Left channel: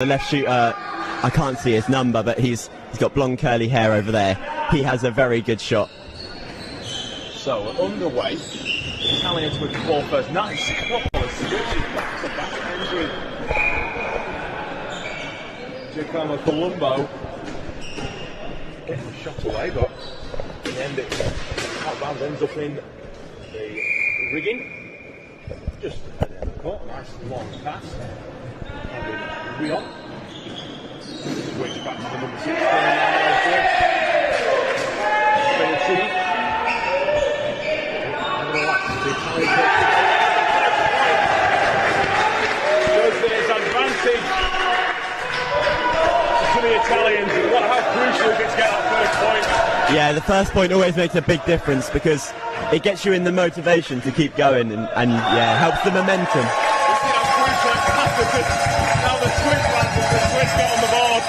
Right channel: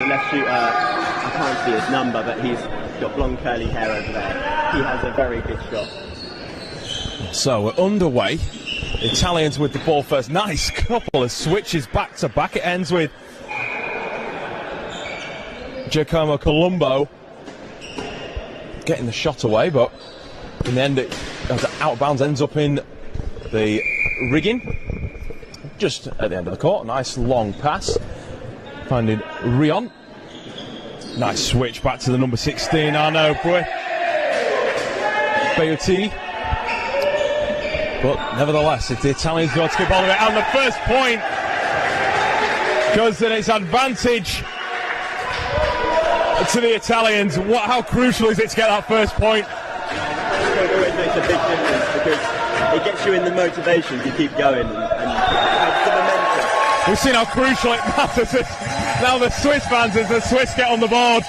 The left shooter, I can't see his number, but he's got blonde curly hair over there. He has a very good shot. So we're underway. The Italians with the ball first. Nice couple of switches back to back. It ends with Giacomo Colombo getting the shot away, but in the end, as it out of bounds, ends up in the rigging. Just at the end of the court. Nice long pass. Finding Rion. Nice switch back to the number 16, Arnaud Beotti. But nevertheless, it's the Italians go to the ball, and the first point goes in its advantage to the Italians. How crucial is it to get that first point? Yeah, the first point always makes a big difference because it gets you in the motivation to keep going and helps the momentum. We've seen how crucial it matters. Now the Swiss fans, as the Swiss get on the board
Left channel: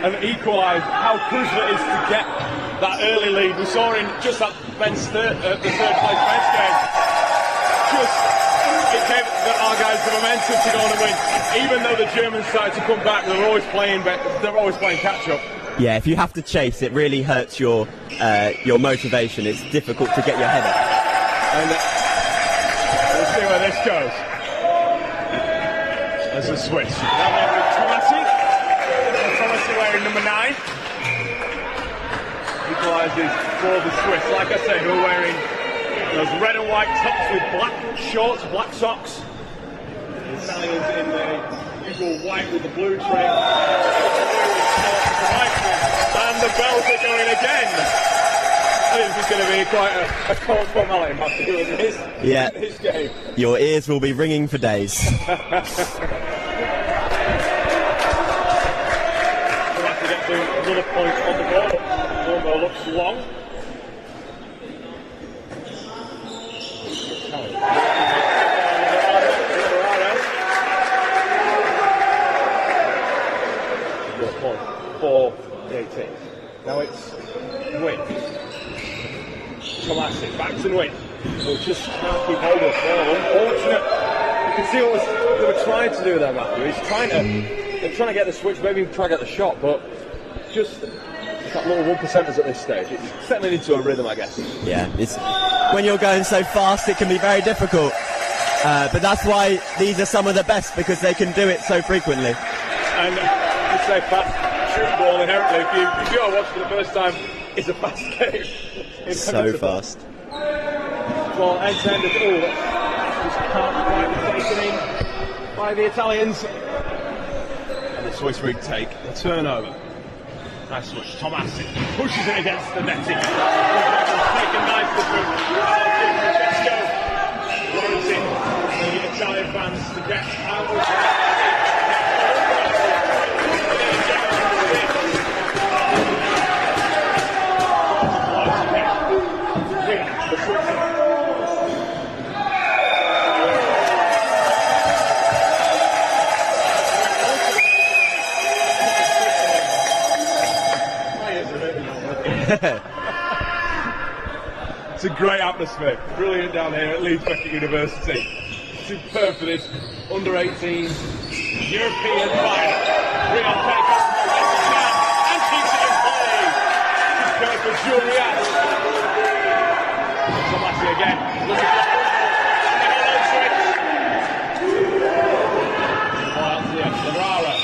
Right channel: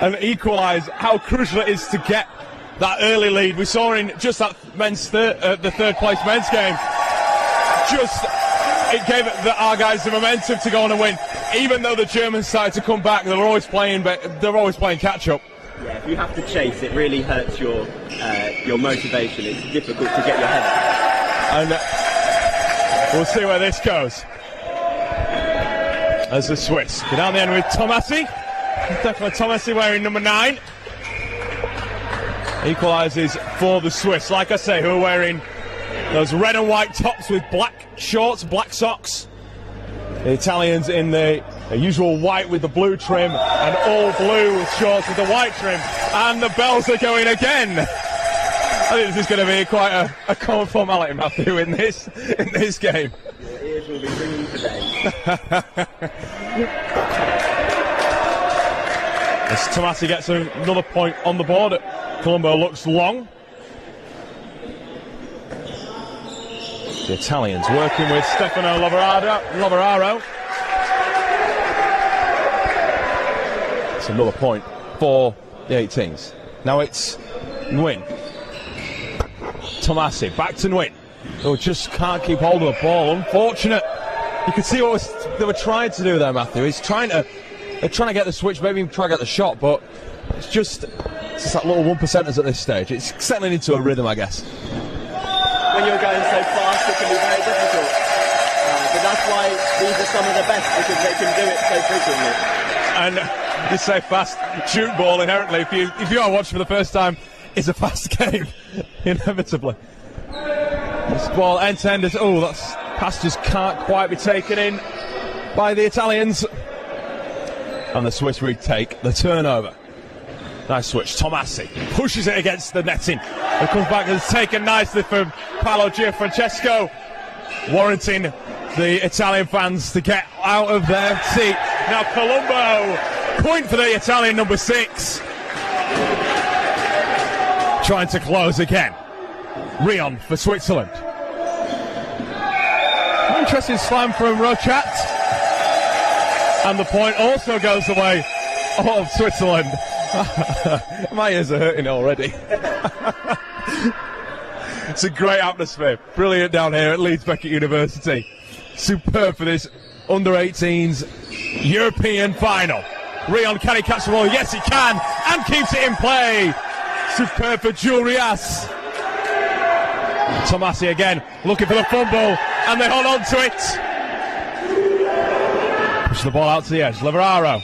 and equalise, how crucial it is to get that early lead. We saw in just that the third place men's game, it gave our guys the momentum to go on and win. Even though the Germans started to come back, they're always playing catch up. Yeah, if you have to chase, it really hurts your motivation. It's difficult to get your head up. And we'll see where this goes. As the Swiss go down the end with Tomasi. Tomasi wearing number 9. Equalises for the Swiss. Like I said, who are wearing those red and white tops with black shorts, black socks. The Italians in the usual white with the blue trim and all blue shorts with the white trim. And the bells are going again. I think this is going to be quite a common formality, Matthew, in this game. Your ears will be ringing for days. As Tomasi gets another point on the board, Colombo looks long. The Italians working with Stefano Lavoraro. It's another point for the 18s. Now it's Nguyen. Tomasi, back to Nguyen. Who just can't keep hold of the ball. Unfortunate. You can see what they were trying to do there, Matthew. They're trying to get the switch, maybe even try to get the shot, but it's just that little 1%ers at this stage. It's settling into a rhythm, I guess. Yeah, when you're going so fast, it can be very difficult. But that's why these are some of the best, because they can do it so frequently. And you say fast, tchoukball inherently. If you are watching for the first time, it's a fast game. So fast. This ball end-to-end is, that pass just can't quite be taken in by the Italians. And the Swiss retake the turnover. Nice switch, Tomasi pushes it against the netting. It comes back and it's taken nicely from Paolo Gianfrancesco, warranting the Italian fans to get out of their seat. Now Colombo, point for the Italian number 6. Trying to close again. Rion for Switzerland. Interesting slam from Rochat. And the point also goes the way of Switzerland. My ears are hurting already. It's a great atmosphere. Brilliant down here at Leeds Beckett University. Superb for this under-18s European final. Rion, can he catch the ball? Yes, he can, and keeps it in play. Superb for Jurias. Tomasi again, looking for the fumble, and then onto it. Push the ball out to the edge. Lavoraro.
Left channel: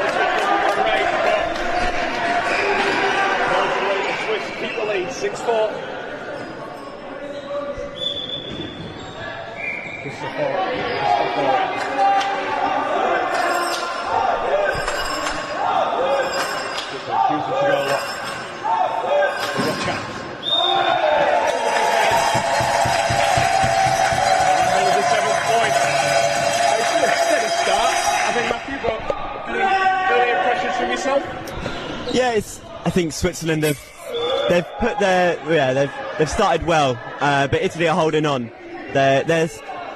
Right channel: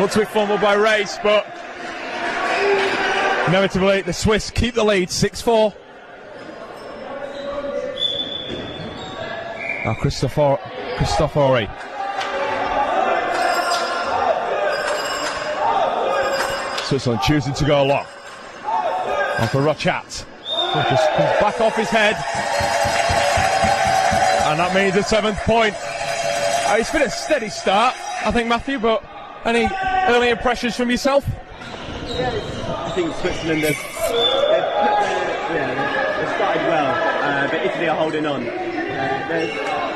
Looks to a fumble by Race, but inevitably the Swiss keep the lead, 6-4. Now Cristofori. Switzerland choosing to go long. And for Rochat. Just back off his head. And that means the 7th point. It's been a steady start, I think, Matthew, but any early impressions from yourself? Yeah, I think Switzerland, they've started well, but Italy are holding on. They're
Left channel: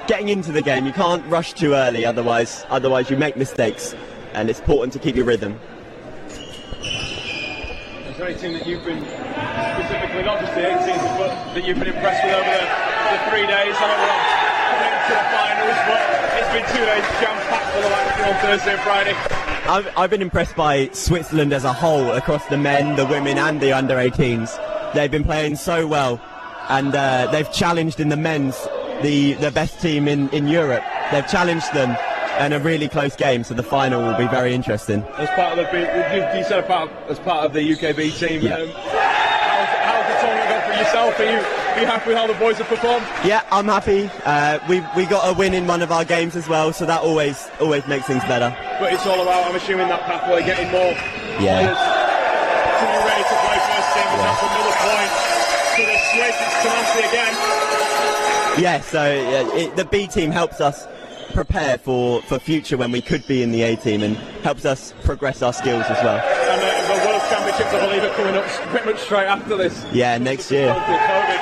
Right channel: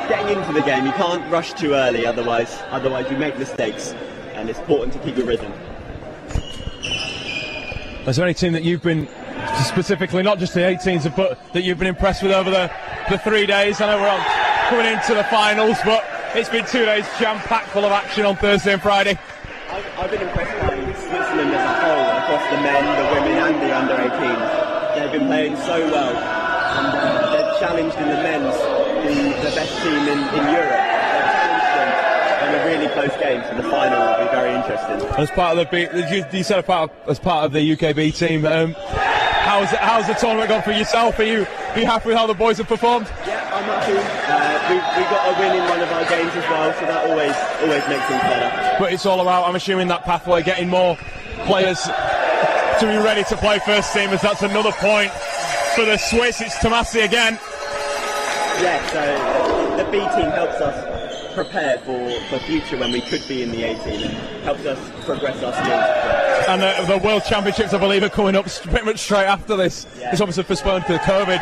getting into the game. You can't rush too early, otherwise you make mistakes, and it's important to keep your rhythm. Is there any team that you've been specifically, not just the 18s, but that you've been impressed with over the 3 days? I know we're coming into the finals, but It's been 2 days jam-packed full of action on Thursday and Friday. I've been impressed by Switzerland as a whole, across the men, the women and the under-18s. They've been playing so well, and they've challenged in the men's the best team in Europe. They've challenged them in a really close game, so the final will be very interesting. As part of the, you said as part of the UKB team. Yeah. How's the tournament gone for yourself? Are you happy with how the boys have performed? Yeah, I'm happy. We got a win in one of our games as well, so that always makes things better. But it's all about, I'm assuming, that pathway, getting more players to be ready to play first team. As that's another point for the Swiss. It's Tomasi again. Yeah, so the B team helps us prepare for future when we could be in the A team, and helps us progress our skills as well. And the World Championships, I believe, are coming up pretty much straight after this. Yeah, it's obviously postponed through COVID.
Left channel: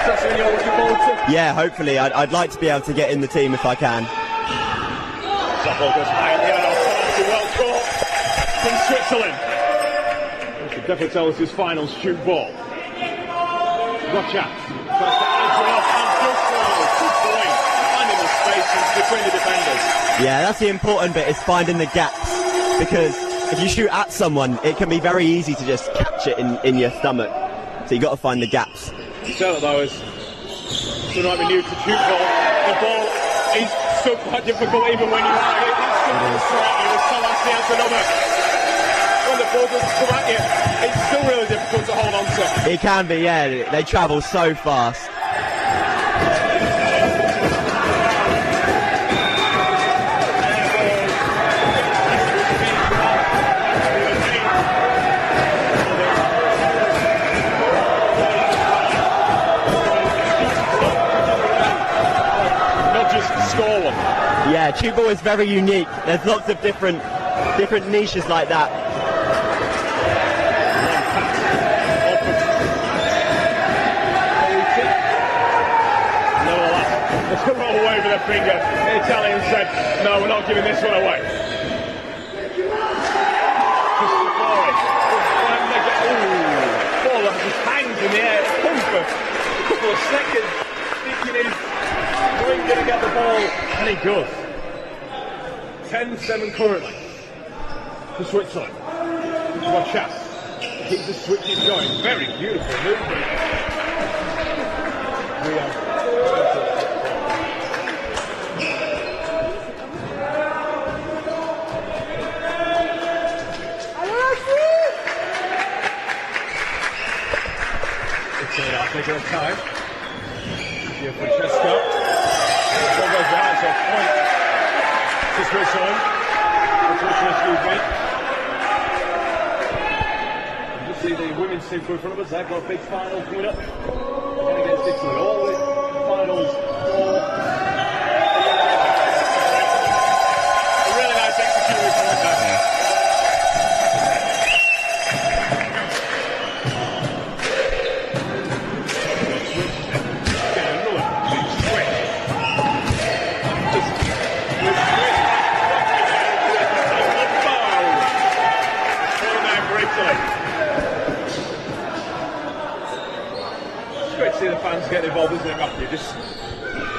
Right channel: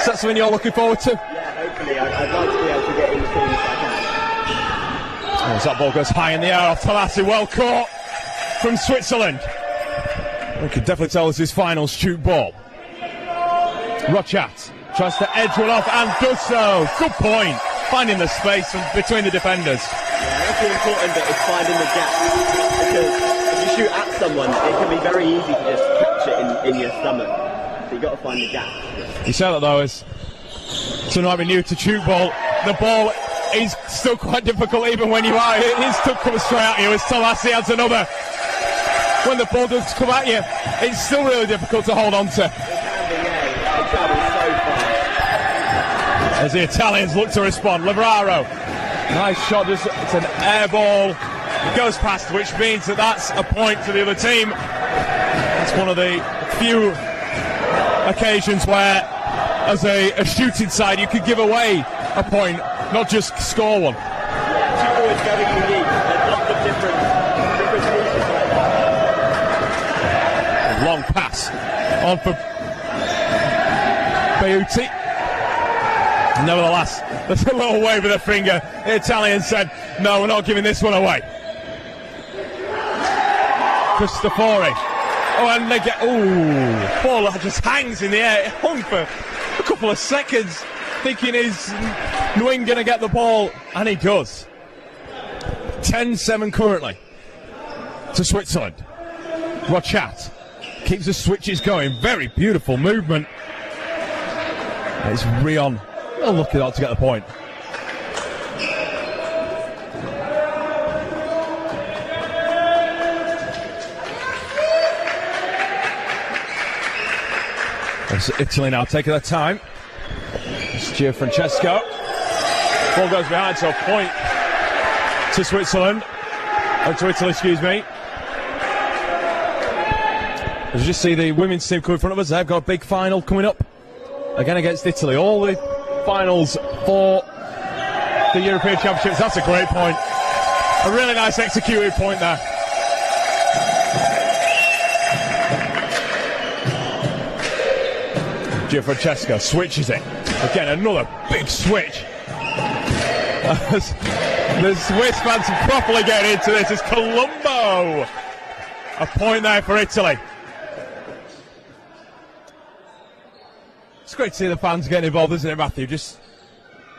Is that something you're looking forward to? Yeah, hopefully. I'd like to be able to get in the team if I can. As that ball goes high in the air, Tomasi well caught from Switzerland. We can definitely tell this is finals tchoukball. Rochat tries to edge it off and does so. Good point. Finding the space between the defenders. Yeah, that's the important bit, is finding the gap. Because if you shoot at someone, it can be very easy to just catch it in your stomach. So you've got to find the gaps. You say that though, as someone might be new to tchoukball, the ball is still quite difficult even when you are. It is still coming straight at you. As Tomasi adds another. When the ball does come at you, it's still really difficult to hold on to. It can be, yeah. They travel so fast. As the Italians look to respond, Labraro. Nice shot, it's an air ball. It goes past, which means that that's a point for the other team. It's one of the few occasions where, as a shooting side, you could give away a point, not just score one. Yeah, tchoukball is very unique. There's lots of different niches like that. Long pass on for Beunti. Nevertheless, there's a little wave of the finger. The Italian said, no, we're not giving this one away. Cristofori. Oh, and they get, ball that just hangs in the air. It hung for a couple of seconds, thinking is Nguyen going to get the ball, and he does. 10-7 currently to Switzerland. Rochat keeps the switches going. Very beautiful movement. It's Rion. Oh, lucky not to get the point. It's Italy now taking their time. It's Gianfrancesco. Ball goes behind, so a point to Switzerland. Oh, to Italy, excuse me. As you just see the women's team coming in front of us, they've got a big final coming up again against Italy. All the finals for the European Championships. That's a great point. A really nice executed point there. Gianfrancesco switches it. Again, another big switch. The Swiss fans are properly getting into this. It's Colombo. A point there for Italy. It's great to see the fans getting involved, isn't it, Matthew? Just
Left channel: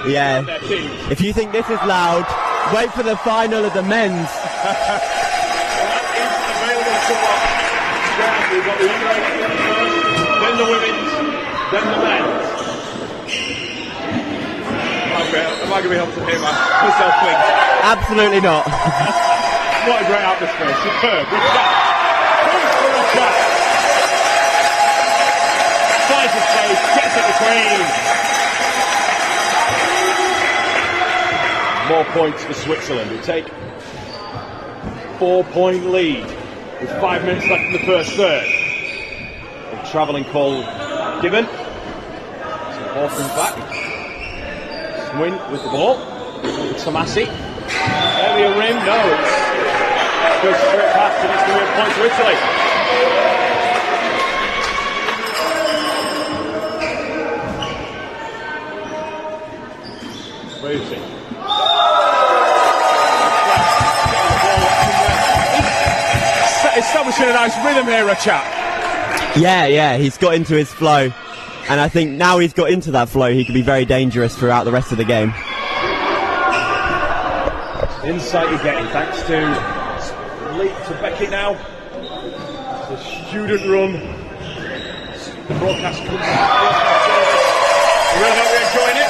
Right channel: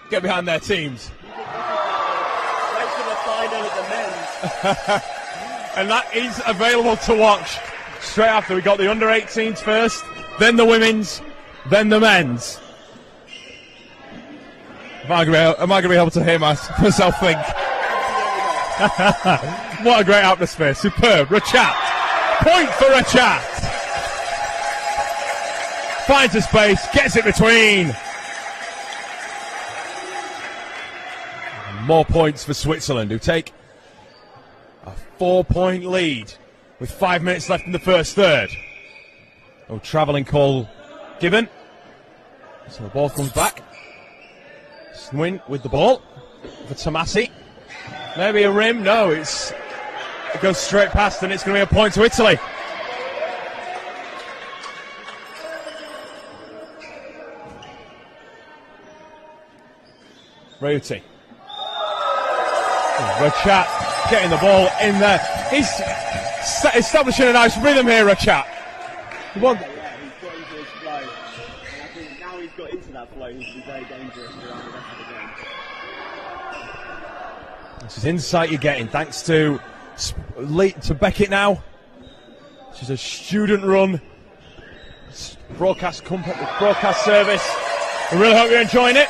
behind their teams. If you think this is loud, wait for the final of the men's. And that is available to watch straight after. We've got the under-18s first, then the women's, then the men's. Am I going to be able to hear myself think? Absolutely not. What a great atmosphere. Superb. Rochat. Point for Rochat. Finds his place, gets it between. More points for Switzerland, who take a 4-point lead with 5 minutes left in the first third. And travelling call given. So the ball comes back. Swin with the ball. With Tomasi. Maybe a rim. No, it goes straight past, and it's going to be a point to Italy. Beunti. Rochat getting the ball in there. He's establishing a nice rhythm here, Rochat. Yeah, he's got into his flow. And I think now he's got into that flow, he can be very dangerous throughout the rest of the game. insight you're getting thanks to Beckett now. It's a student run. The broadcast comes up, broadcast service. I really hope you're enjoying it.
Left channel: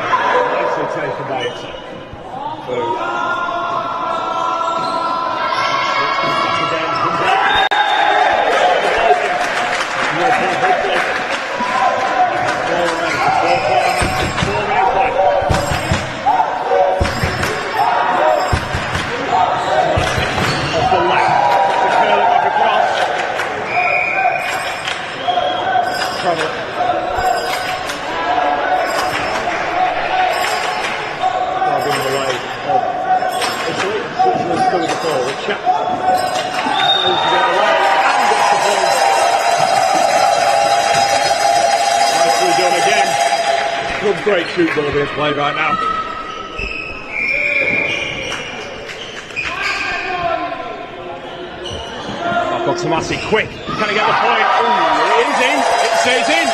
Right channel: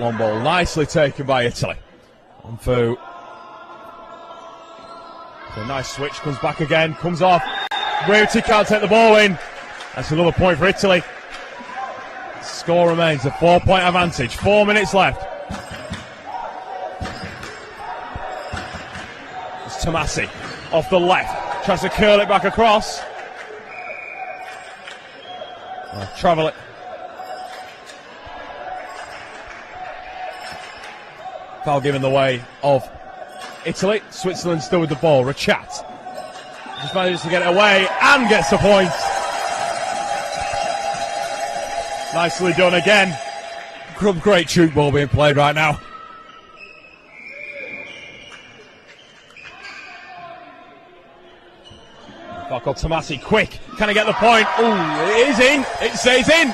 Handball nicely taken by Italy. For a nice switch, comes back again, comes off. Rimini can't take the ball in. That's another point for Italy. The score remains a 4-point advantage. 4 minutes left. Tomasi off the left, tries to curl it back across. Travel it. Foul given the way of Italy. Switzerland still with the ball. The chat. He manages to get it away and gets the point. Nicely done again. Good, great tchoukball being played right now. Marco Tomasi, quick. Can he get the point? Ooh, it is in. It stays in.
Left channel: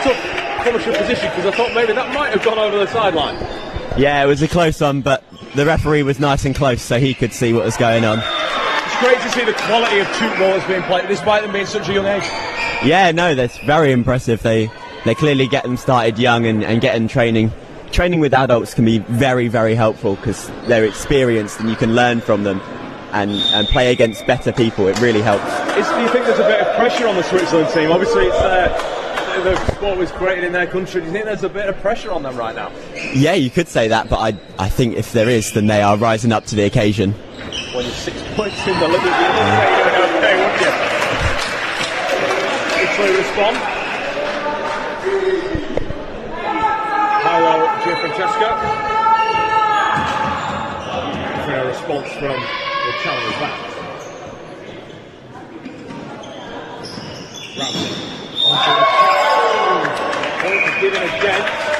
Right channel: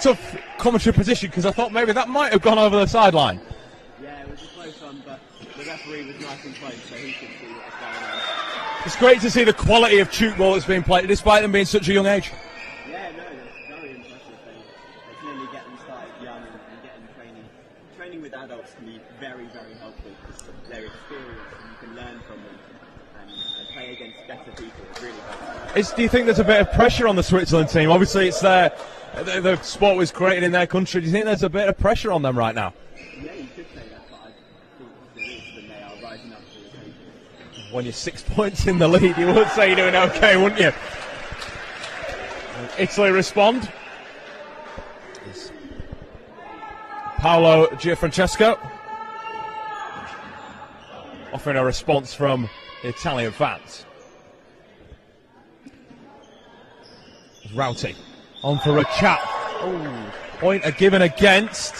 Tough punishing position because I thought maybe that might have gone over the sideline. Yeah, it was a close one, but the referee was nice and close so he could see what was going on. It's great to see the quality of tchoukball that's being played despite them being such a young age. Yeah, no, that's very impressive. They clearly get them started young and getting training. Training with adults can be very, very helpful because they're experienced and you can learn from them and play against better people. It really helps. Do you think there's a bit of pressure on the Switzerland team? Obviously it's the sport was created in their country. Do you think there's a bit of pressure on them right now? Yeah, you could say that, but I think if there is, then they are rising up to the occasion. When you're 6 points in the league, you would say you're doing okay, wouldn't you? Italy respond. Paolo Gianfrancesco offering a response from the Italian backs. Routing onto the chat. Point are given against.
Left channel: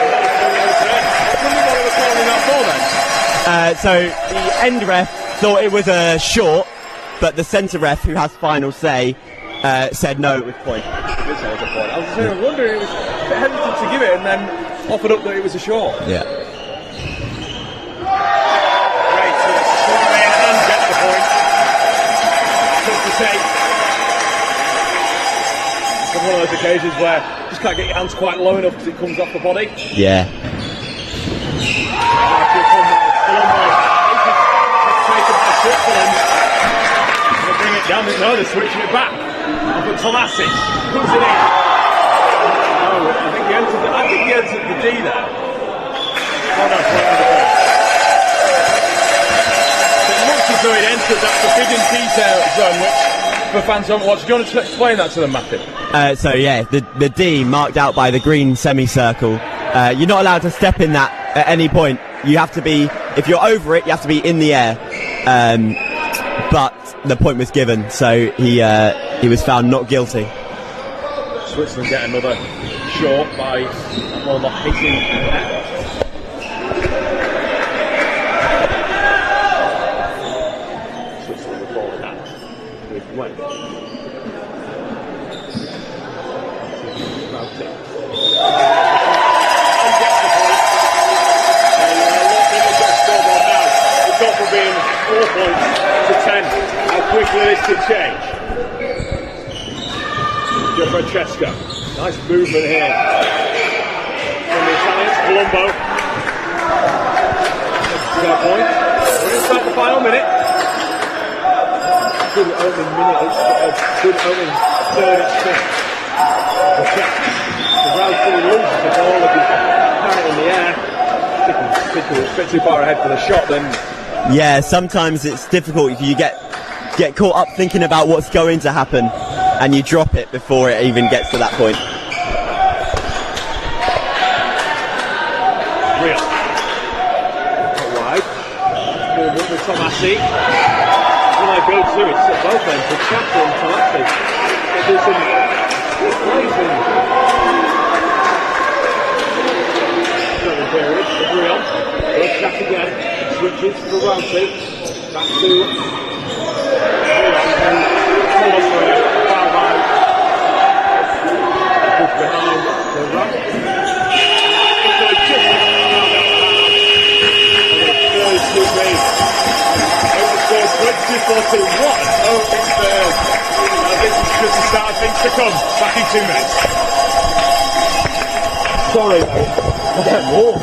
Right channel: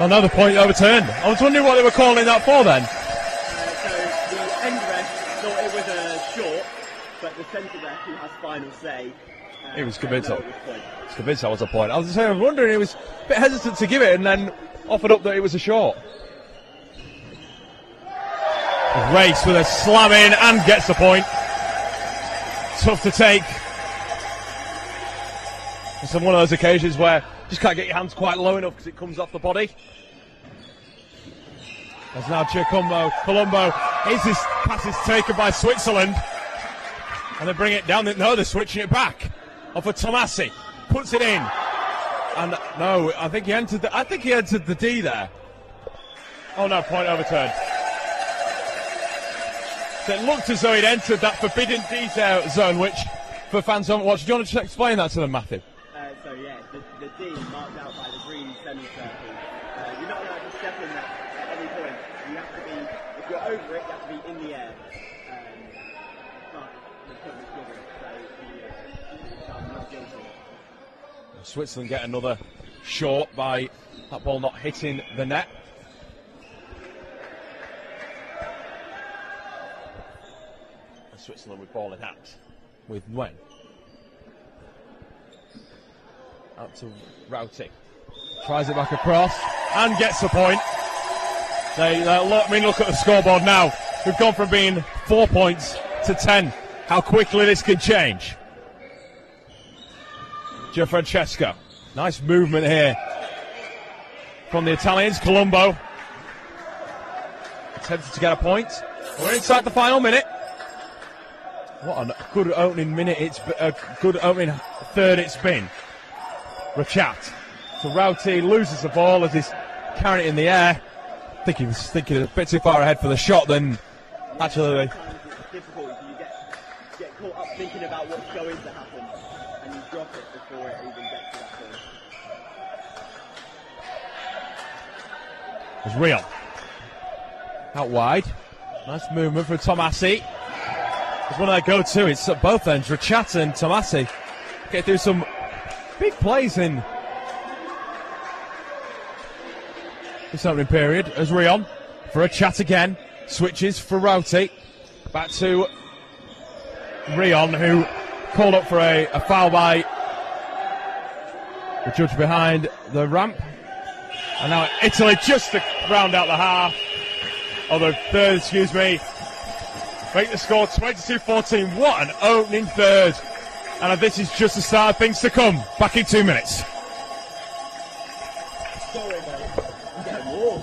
Another point overturned. I was wondering what they were calling that for then. So the end ref thought it was a short, but the centre ref, who has final say, said no, it was point. Point. I was wondering, he was a bit hesitant to give it and then offered up that it was a short. Yeah. Race with a slam in and gets the point. Tough to take. It's one of those occasions where you just can't get your hands quite low enough because it comes off the body. Yeah. Now Colombo. This is taken by Switzerland. Going to bring it down. No, they're switching it back. Over Tomasi. Puts it in. No, I think he entered the D there. Oh no, point on the point. It looks as though it entered that forbidden D zone, which for fans who haven't watched, do you want to explain that to them, Matthew? So yeah, the D marked out by the green semicircle. You're not allowed to step in that at any point. You have to be, if you're over it, you have to be in the air. But the point was given, so he was found not guilty. Switzerland get another short by that ball not hitting the net. Switzerland will fall in that with one. Tries it off the cross and gets the point. And let me look at the scoreboard now. We've gone from being 4 points to 10. How quickly this can change. Gianfrancesco. Nice movement here from the Italians. Colombo to get a point. We're inside the final minute. What a good opening minute. It's a good opening third it's been. The chat. The rail team loses the ball and he's apparent in the air. I think he was a bit too far ahead for the shot then. Yeah, sometimes it's difficult if you get caught up thinking about what's going to happen and you drop it before it even gets to that point. Real. Not wide. Nice movement with Tomasi. When I go to, it's at both ends, the chat and Tomasi. They do some big plays in the second period. There's Rion. For a chat again. Switches for Routy. Back to Leon, then called up for a foul by the touch behind the ramp. And now Italy just to round out the half. Or the third, excuse me. Make the score 22-14. What an opening third. This is just the start of things to come. Back in 2 minutes. Sorry, I'll get warm.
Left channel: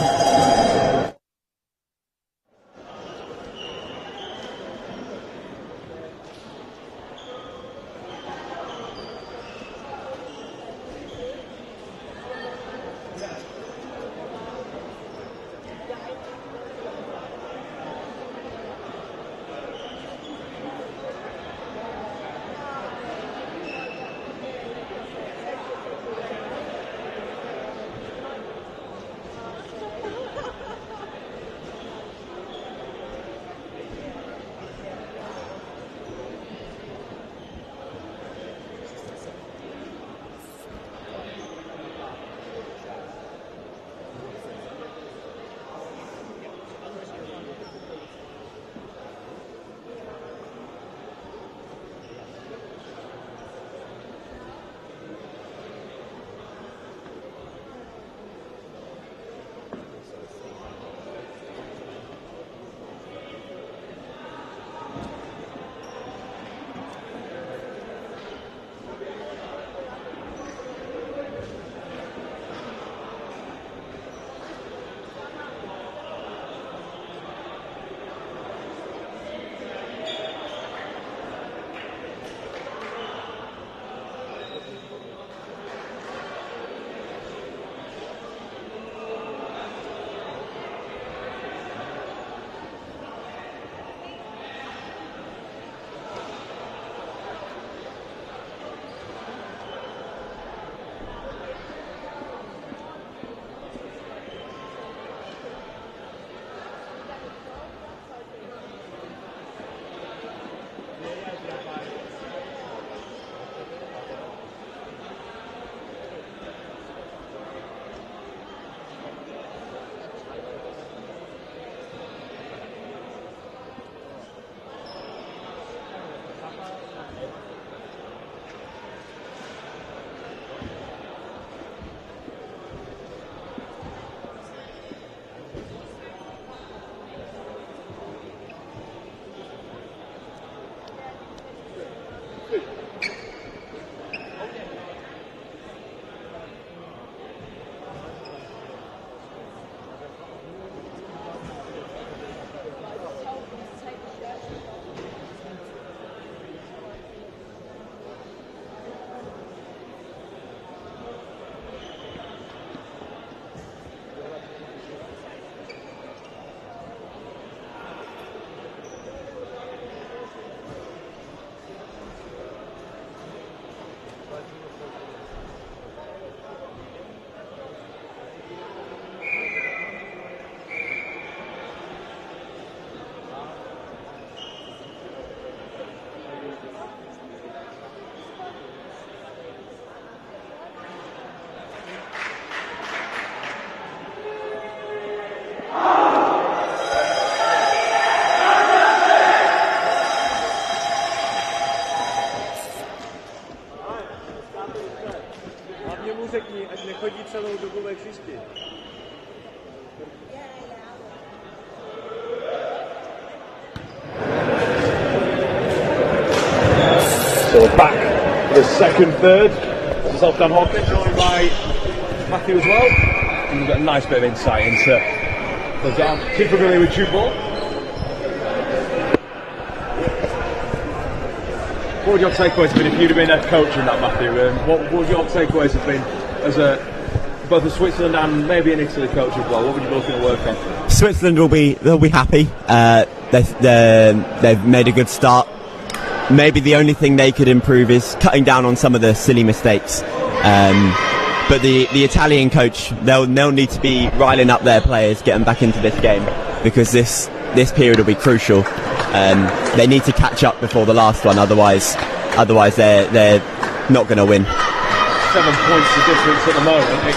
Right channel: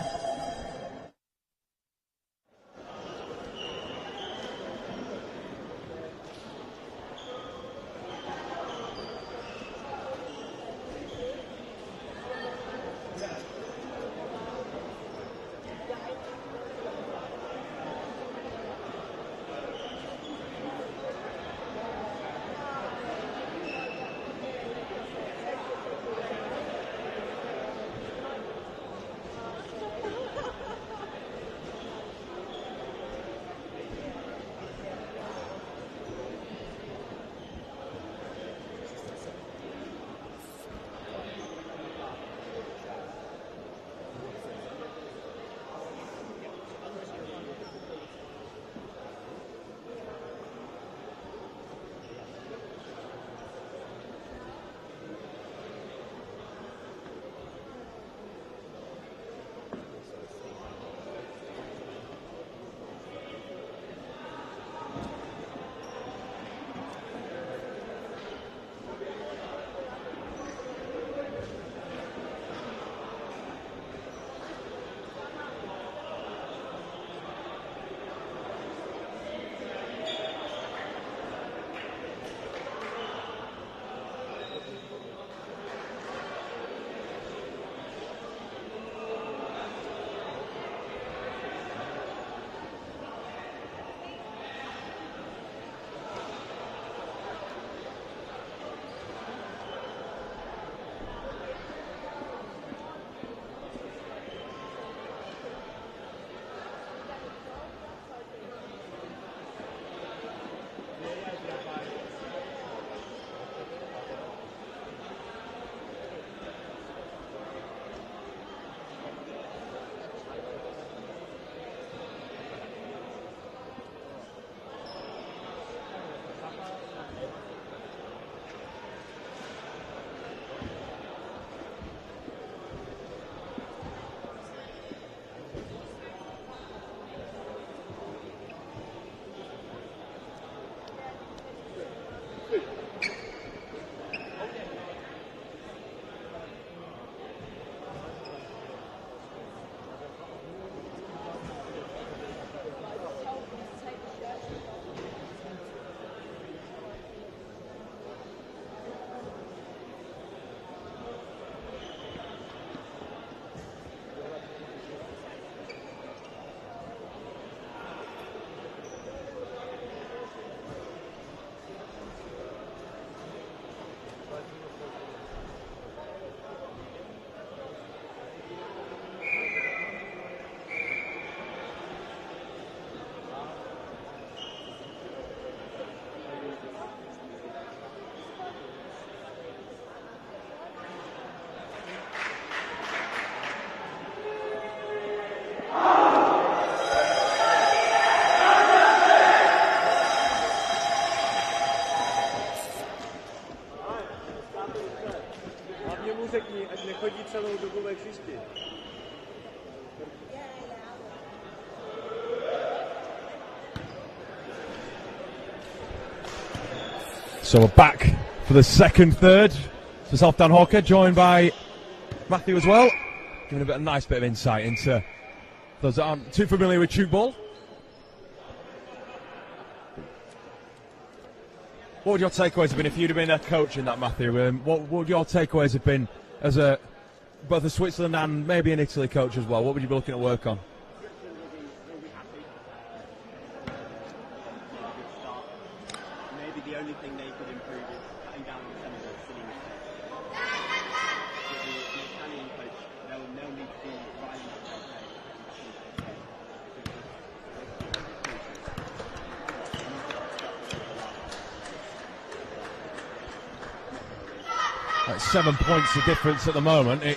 So we're back for the second third. This is Dan Hawker, joined by Matthew as well. And we've got a nice bit of insight into because I'm too familiar with tchoukball. What would your takeaways have been if you'd have been a coach in that, Matthew? What would your takeaways have been as both a Switzerland and maybe an Italy coach as well? What would you be looking to work on? Switzerland they'll be happy. They've made a good start. Maybe the only thing they could improve is cutting down on some of the silly mistakes. But the Italian coach, they'll need to be riling up their players, get them back into this game, because this period will be crucial. They need to catch up before the last one, otherwise they're not going to win. 7 points the difference at the moment.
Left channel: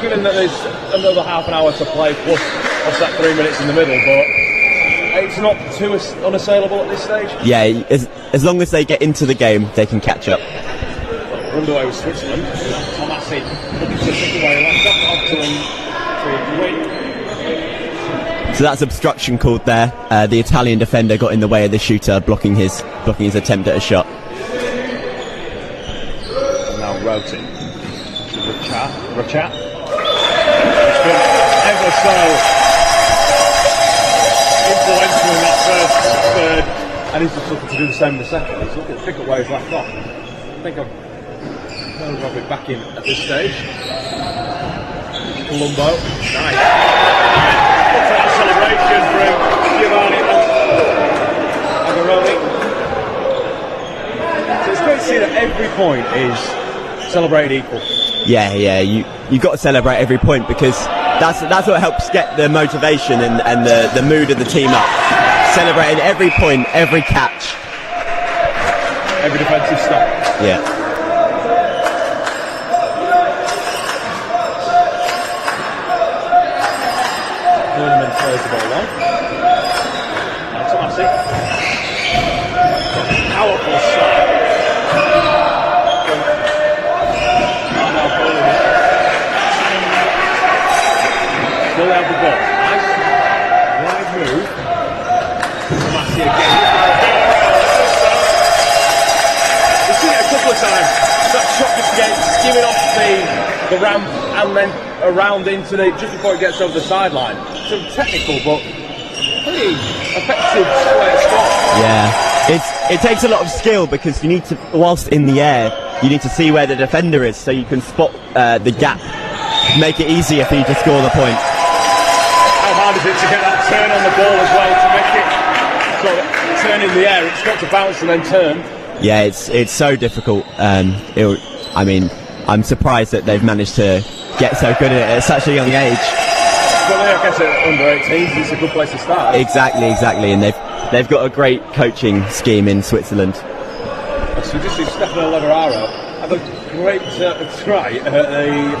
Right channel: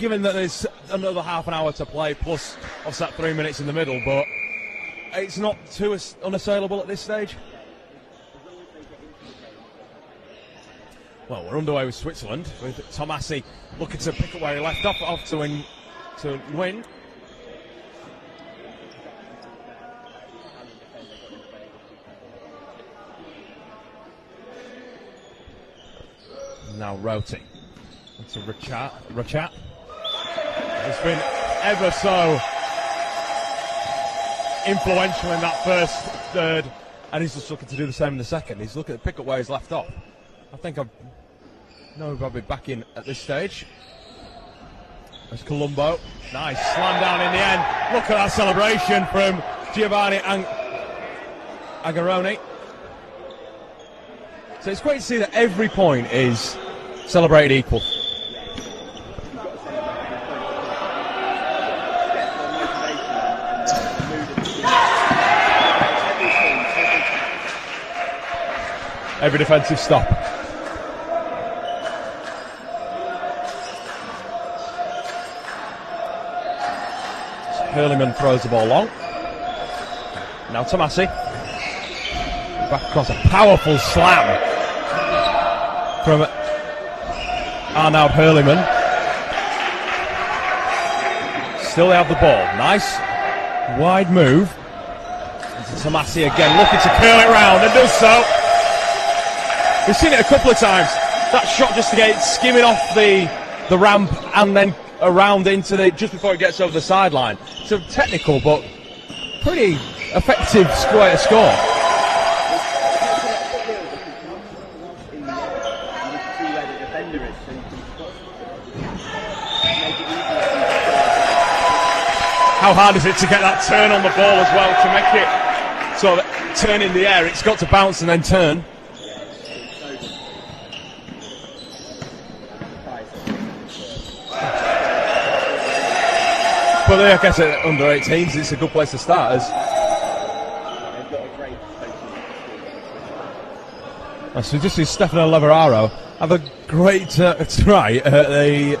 Given that there's another half an hour to play plus offset 3 minutes in the middle, but it's not too unassailable at this stage? Yeah, as long as they get into the game, they can catch up. Well, we're underway with Switzerland. Tomasi looking to pick away, left off to win. So that's obstruction called there. The Italian defender got in the way of the shooter, blocking his attempt at a shot. And now Roti. Rachat. It's been ever so influential in that first third, and he's just looking to do the same in the second. He's looking to pick up where he's left off. I think I've got it back in at this stage. Colombo, nice. Look at that celebration from Giovanni and Agaroni. So it's great to see that every point is celebrated equal. Yeah, you've got to celebrate every point because that's what helps get the motivation and the mood of the team up. Celebrating every point, every catch, every defensive stop. Yeah. Hurleman throws the ball long. Now Tomasi. Back across a powerful slam from now Hurleman. Still out the ball. Nice wide move. Tomasi again looking to curl it round and does so. We've seen it a couple of times. That shot just to get it skimming off the ramp and then around into the just before it gets over the sideline. So technical but pretty effective score. Yeah, it takes a lot of skill because you need to, whilst in the air, you need to see where the defender is so you can spot the gap, make it easier for you to score the point. How hard is it to get that turn on the ball as well to make it sort of turn in the air? It's got to bounce and then turn. Yeah, it's so difficult. I'm surprised that they've managed to get so good at it at such a young age. Probably, I guess, at under 18s, it's a good place to start. Exactly, and they've got a great coaching scheme in Switzerland. So just see Stefano Lavararo have a great try at the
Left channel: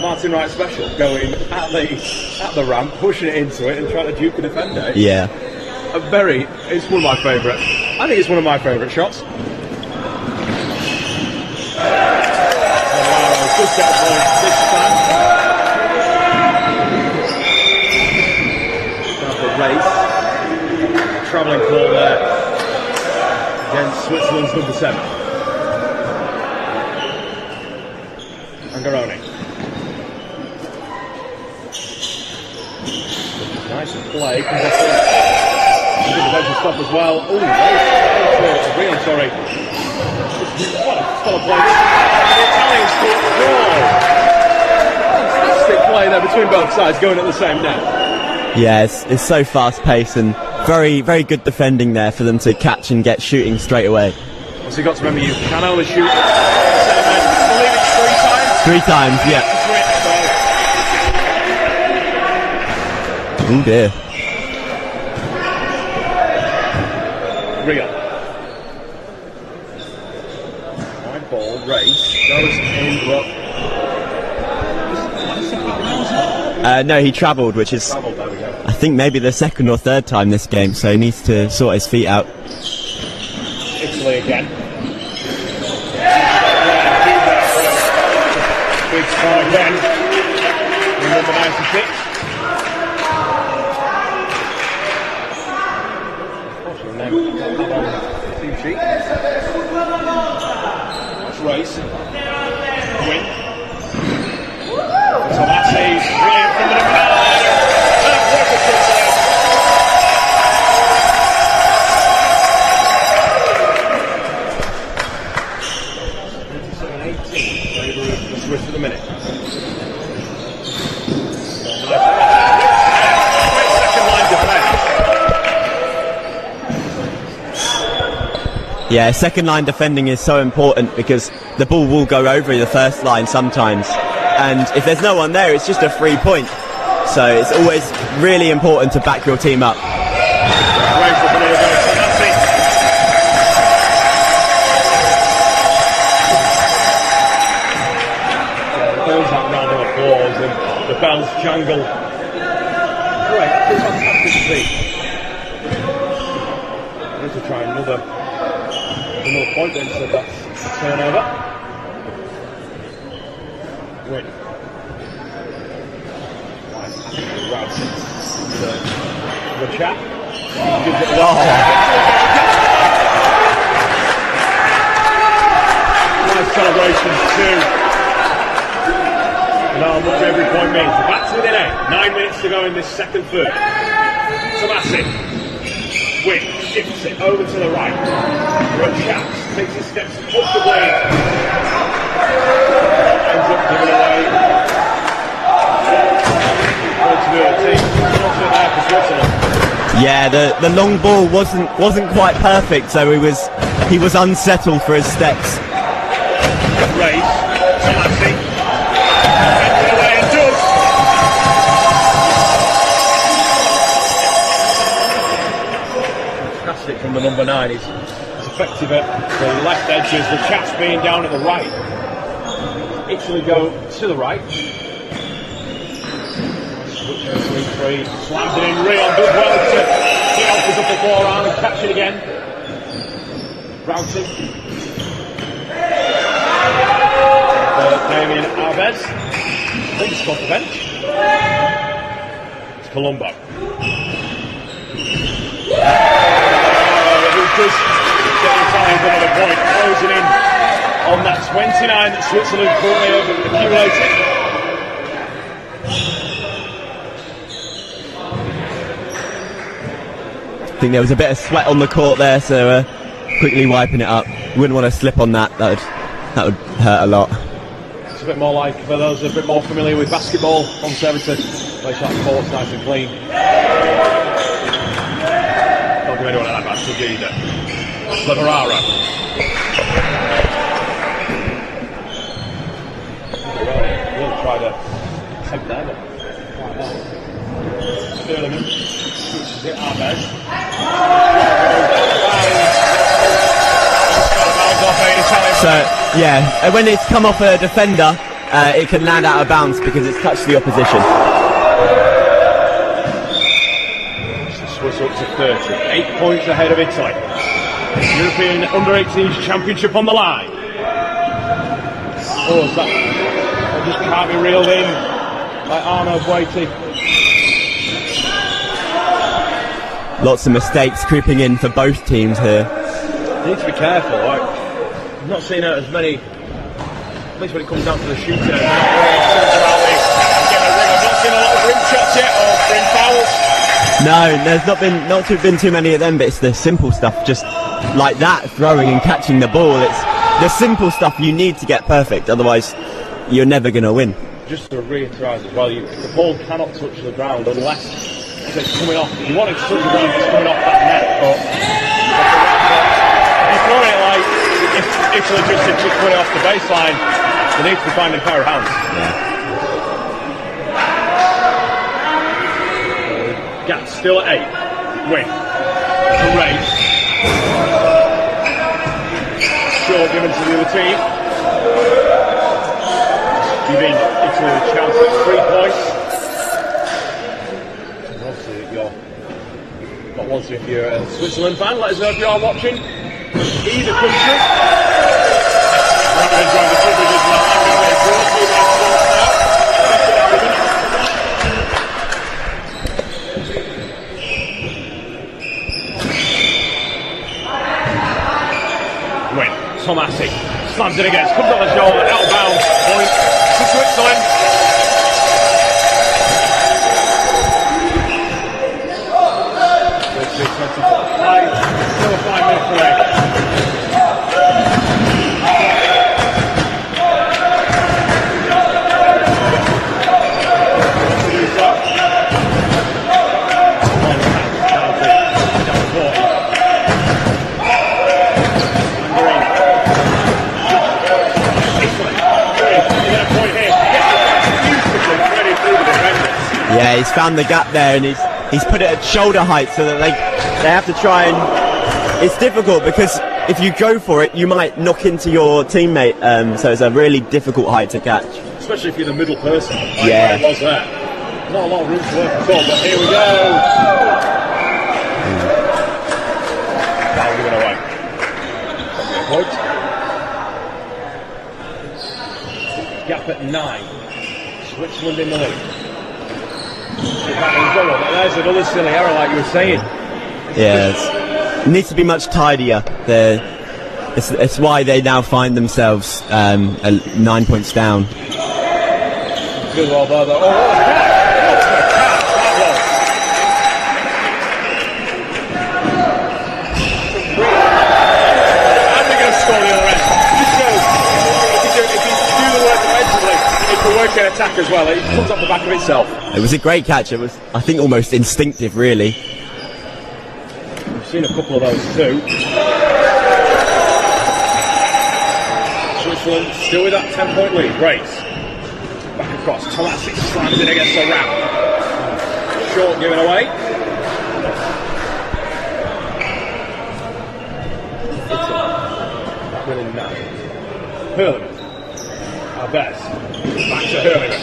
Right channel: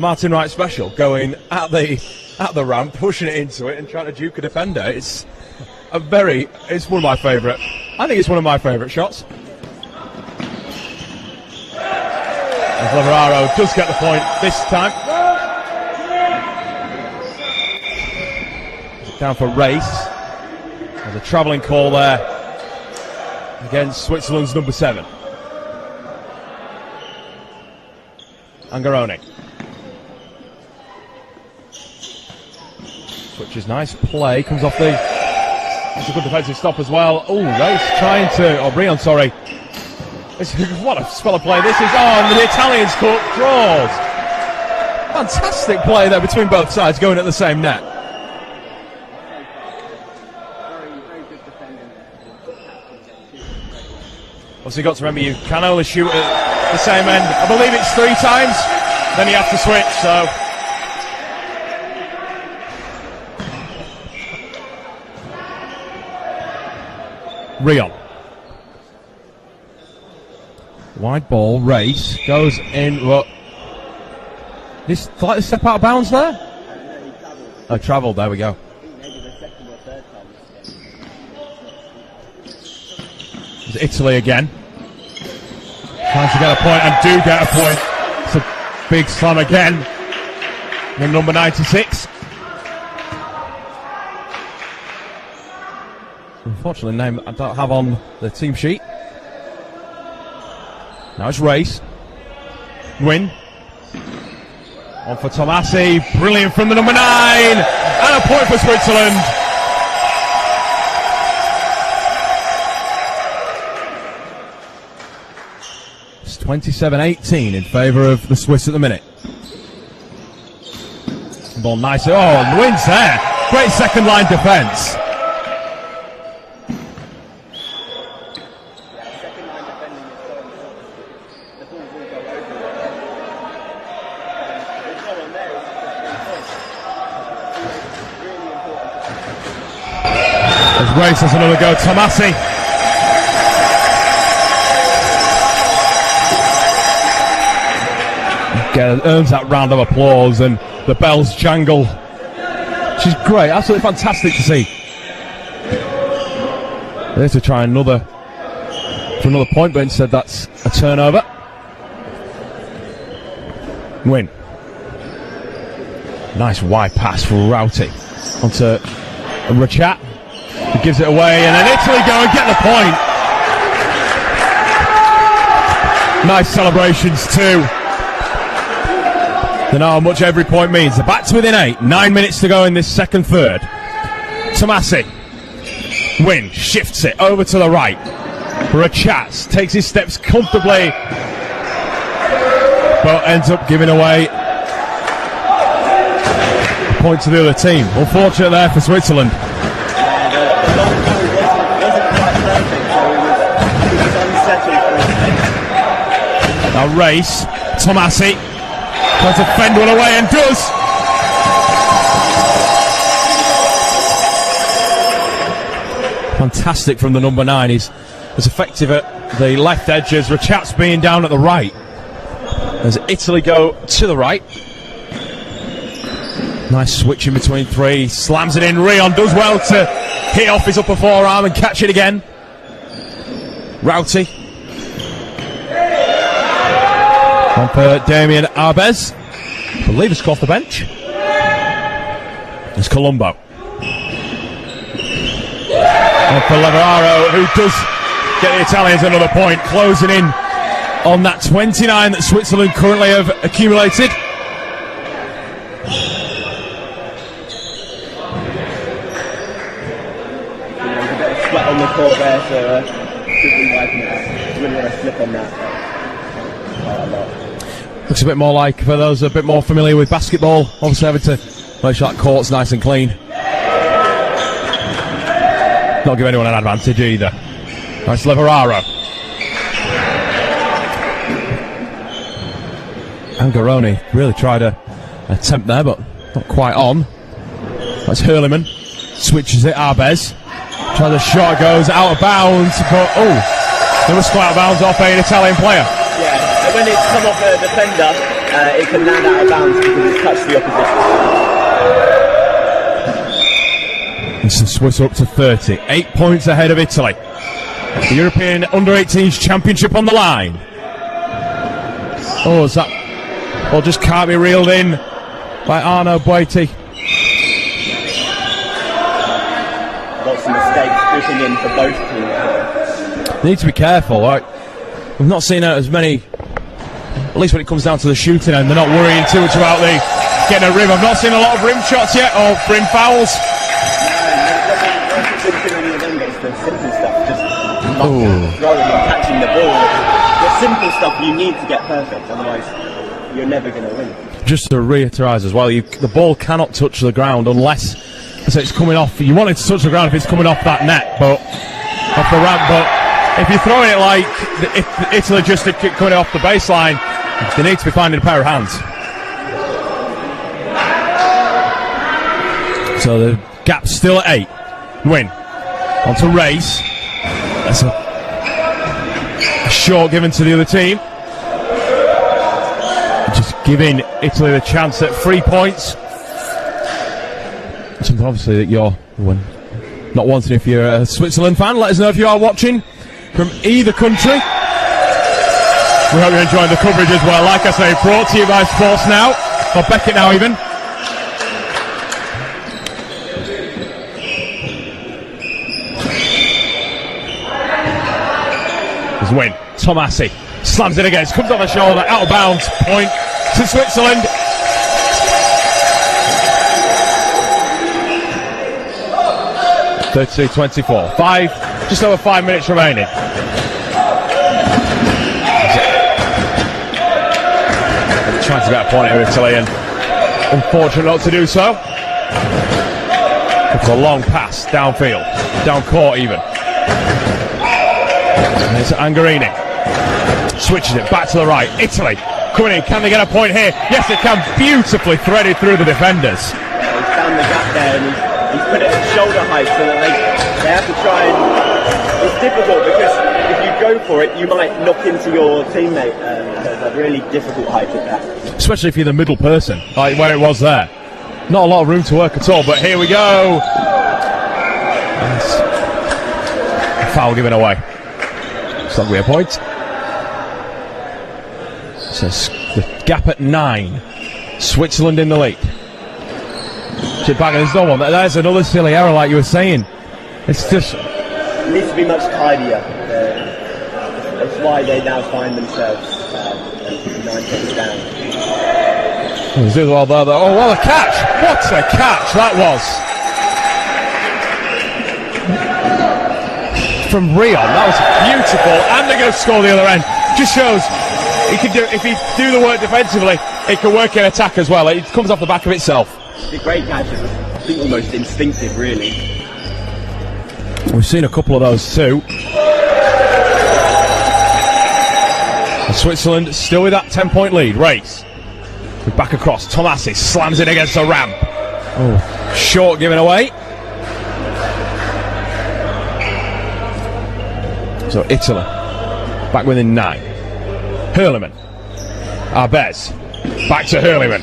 Martin Wright special, going at the ramp, pushing it into it, and trying to duke a defender. It's one of my favourite. I think it's one of my favourite shots. Lavararo does get the point this time. Down for a race. There's a travelling call there against Switzerland's number 7. Angaroni. Which is nice play. Comes off the defensive stop as well. Oh, race trying to. Brion, sorry. What a spell of play this is. Oh, the Italians caught goal. Fantastic play there between both sides going at the same net. Yeah, it's so fast paced and very, very good defending there for them to catch and get shooting straight away. Also, you've got to remember you can only shoot at the same end. I believe it's 3 times. 3 times, then yeah. You have to switch, so. Oh dear. Rio. Wide ball, race, goes in, what? Is slightly step out of bounds there? No, he travelled, which is... travelled, there we go. I think maybe the 2nd or 3rd time this game, so he needs to sort his feet out. It's Italy again. Chance to get a point and do get a point. It's a big son again. In number 96. Unfortunately, the name I don't have on the team sheet. Nice race. Win. For Tomasi. Brilliant from the number 9. And a point for Switzerland. It's 27-18 in favour of the Swiss at the minute. Ball nice. Oh, wins there. Great second line defence. Yeah, second line defending is so important because the ball will go over the first line sometimes. And if there's no one there, it's just a free point. So it's always really important to back your team up. Race has another go. Tomasi. Again, earns that round of applause and the bells jangle. She's great, absolutely fantastic to see. They have to try another point, but instead that's a turnover. Win. Nice wide pass for Routy onto Rachat. He gives it away, and then Italy go and get the point. Nice celebrations too. You know how much every point means. The back's within 8. 9 minutes to go in this second third. Tomasi. Win shifts it over to the right. Rachat takes his steps comfortably, but ends up giving away the point to the other team. Unfortunate there for Switzerland. Yeah, the long ball wasn't quite perfect, so he was unsettled for his steps. A race. Tomasi tries to fend one away and does. Fantastic from the number 9. He's as effective at the left edge as Rachat's being down at the right. As Italy go to the right. Nice switch in between 3. Slams it in. Rion does well to hit off his upper forearm and catch it again. Routy. And for Damien Arbez. I believe he's off the bench. It's Colombo. And for Lavarro, who does get the Italians another point, closing in on that 29 that Switzerland currently have accumulated. I think there was a bit of sweat on the court there, so quickly wiping it up. Wouldn't want to slip on that. That would hurt a lot. Looks a bit more like, for those a bit more familiar with basketball, obviously having to make sure that court's nice and clean. Not give anyone an advantage either. That's Lavararo. Angaroni really tried a attempt there, but not quite on. That's Hurliman. Switches it, Arbez. Trying the shot, goes out of bounds. But, it was quite out of bounds off an Italian player. Yeah, and when it's come off a defender, it can land out of bounds because it's touched the opposition. This is Swiss up to 30. 8 points ahead of Italy. The European Under-18s Championship on the line. Is that... Well, just can't be reeled in by Arno Boiti. Lots of mistakes creeping in for both teams here. They need to be careful. Right? We've not seen as many, at least when it comes down to the shooting end, they're not worrying too much about getting a rim. I've not seen a lot of rim shots yet, or rim fouls. No, there's not been too many of them, but it's the simple stuff, just like that, throwing and catching the ball. It's the simple stuff you need to get perfect, otherwise you're never going to win. Just to reiterate as well, the ball cannot touch the ground unless it's coming off. You want it to touch the ground if it's coming off that net, but off the ramp. But if you throw it like it's a logistic kick coming off the baseline, they need to be finding a pair of hands. So the gap's still at 8. Win. On to race. It's a short given to the other team. Just giving Italy the chance at 3 points. So obviously that you're not wanting, if you're a Switzerland fan. Let us know if you are watching from either country. We hope you're enjoying the coverage as well. Like I say, brought to you by Sports Now, or Beckett Now even. Win. Tomasi slams it against, comes on the shoulder, out of bounds, point to Switzerland. Just over 5 minutes remaining. Chance to get a point here, Italy, and unfortunate not to do so. It's a long pass downfield, down court even. There's Angarini. Switches it back to the right. Italy. Can they get a point here? Yes, they can. Beautifully threaded through the defenders. Yeah, he's found the gap there and he's put it at shoulder height so that they have to try and... It's difficult because if you go for it, you might knock into your teammate. So it's a really difficult height to catch. Especially if you're the middle person, like where it was there. Not a lot of room to work at all, but here we go. foul given away. So that'll be a point. So the gap at 9. Switzerland in the lead. There's another silly error, like you were saying. It needs to be much tidier. It's why they now find themselves 9 points down. Well, what a catch! What a catch that was! From Rio, that was beautiful, and they're going to score the other end. Just shows if you do the work defensively, it can work in attack as well. It comes off the back of itself. It was a great catch. It was, I think, almost instinctive, really. We've seen a couple of those too. And Switzerland still with that 10-point lead. Race. Back across. Tomasi slams it against the ramp. Oh, short given away. So Italy back within 9. Hurleyman. Arbez. Back to Hurleyman.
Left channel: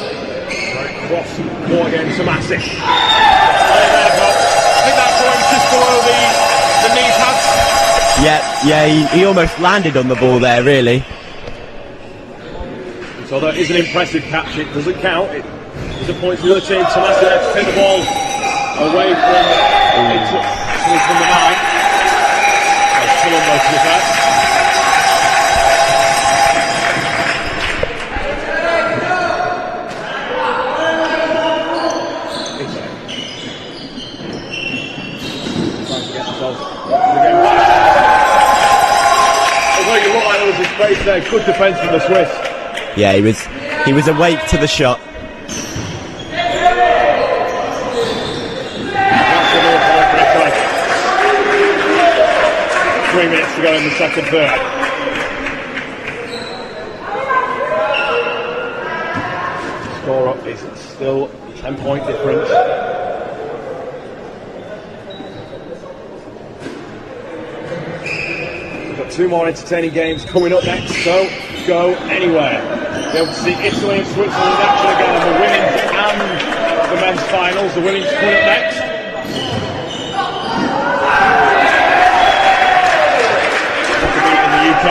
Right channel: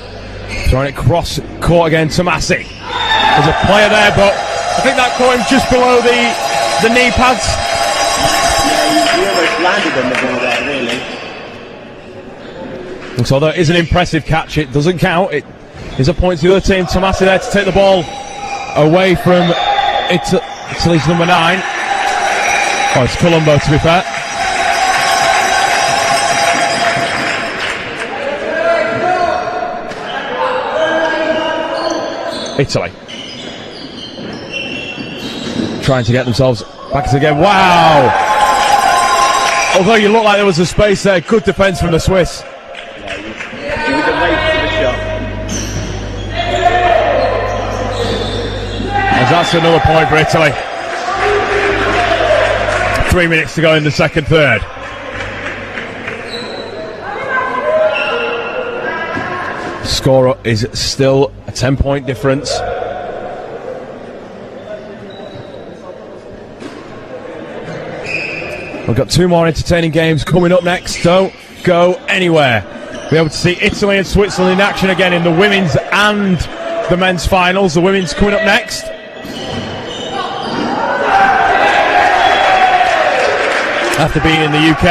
Throwing it cross court again to Messi. There's a player there, but I think that caught him just below the knee pads. Yeah, he almost landed on the ball there, really. And so although it is an impressive catch, it doesn't count. It is a point to the other team. Tomasi there to take the ball away from Italy's number 9. Oh, it's Colombo, to be fair. Italy trying to get themselves back to the game. Wow! Although you look like there was a space there, good defence from the Swiss. Yeah, he was awake to the shot. And that's another point for Italy. 3 minutes to go in the second third. Score is still a 10-point difference. We've got 2 more entertaining games coming up next. Don't go anywhere. We'll be able to see Italy and Switzerland in action again in the women's and the men's finals. The women's coming up next. After being in the UK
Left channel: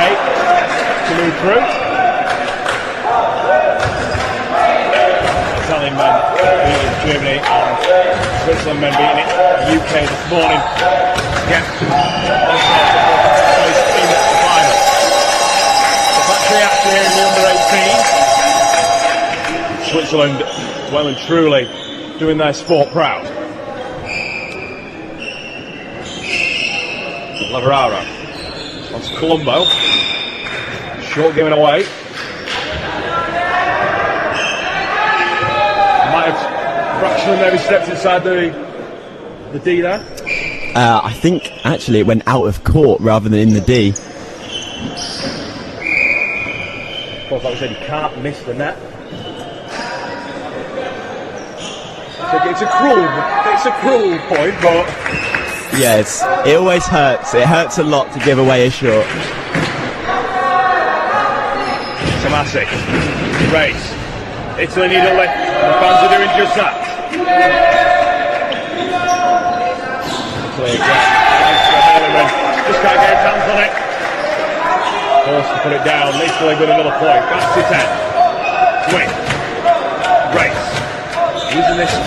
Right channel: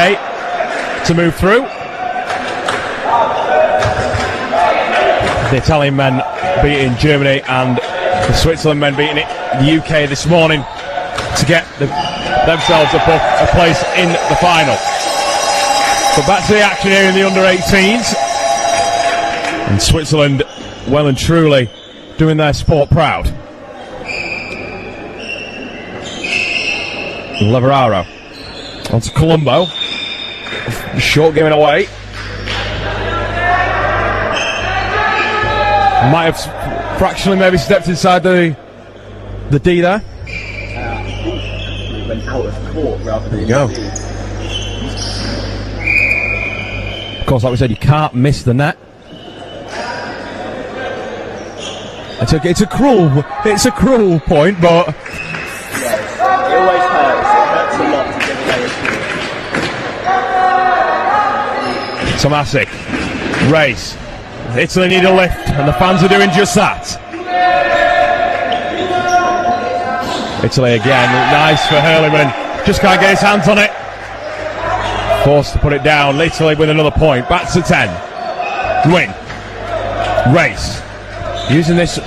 to move through. The Italian men beating Germany and the Switzerland men beating the UK this morning to get themselves a place in the final. So back to the action here in the under-18s. And Switzerland well and truly doing their sport proud. Leveraro onto Colombo. Short giving away. Might have fractionally maybe stepped inside the D there. I think actually it went out of court rather than in the D. Of course, like we said, you can't miss the net. It's a cruel point, but yes, it always hurts. It hurts a lot to give away a shot. Tomasi, race. Italy need a lift, and the fans are doing just that. Italy again, nice for Hurleyman. Just can't get his hands on it. Forced to put it down. Italy with another point. Back to 10. Win. Race. Using this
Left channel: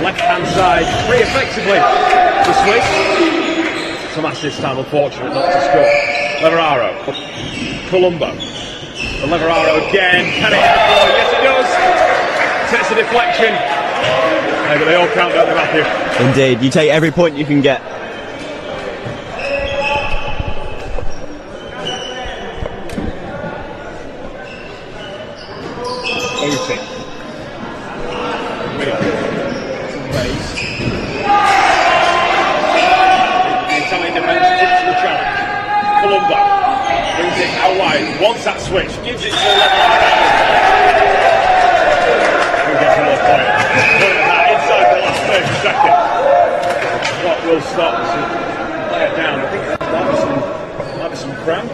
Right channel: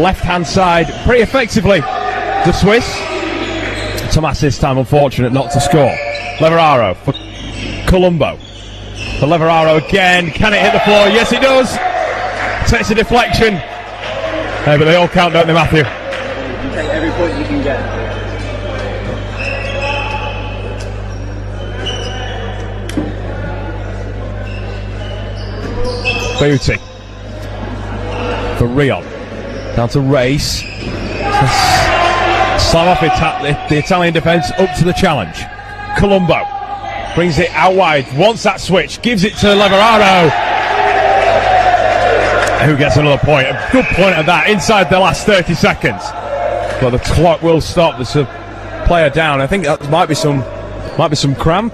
left-hand side pretty effectively. The Swiss. Tomasi this time unfortunate not to score. Leveraro for Colombo. For Leveraro again. Can it hit the floor? Yes, it does. Takes a deflection. Hey, but they all count, don't they, Matthew? Indeed. You take every point you can get. Beauty. For Rio. Down to Race. Start off the Italian defence up to the challenge. Colombo brings it out wide. Wants that switch. Gives it to Leveraro. Who gets another point? A good point of that inside the last 30 seconds. But the clock will stop. There's a player down. I think that might be some cramp.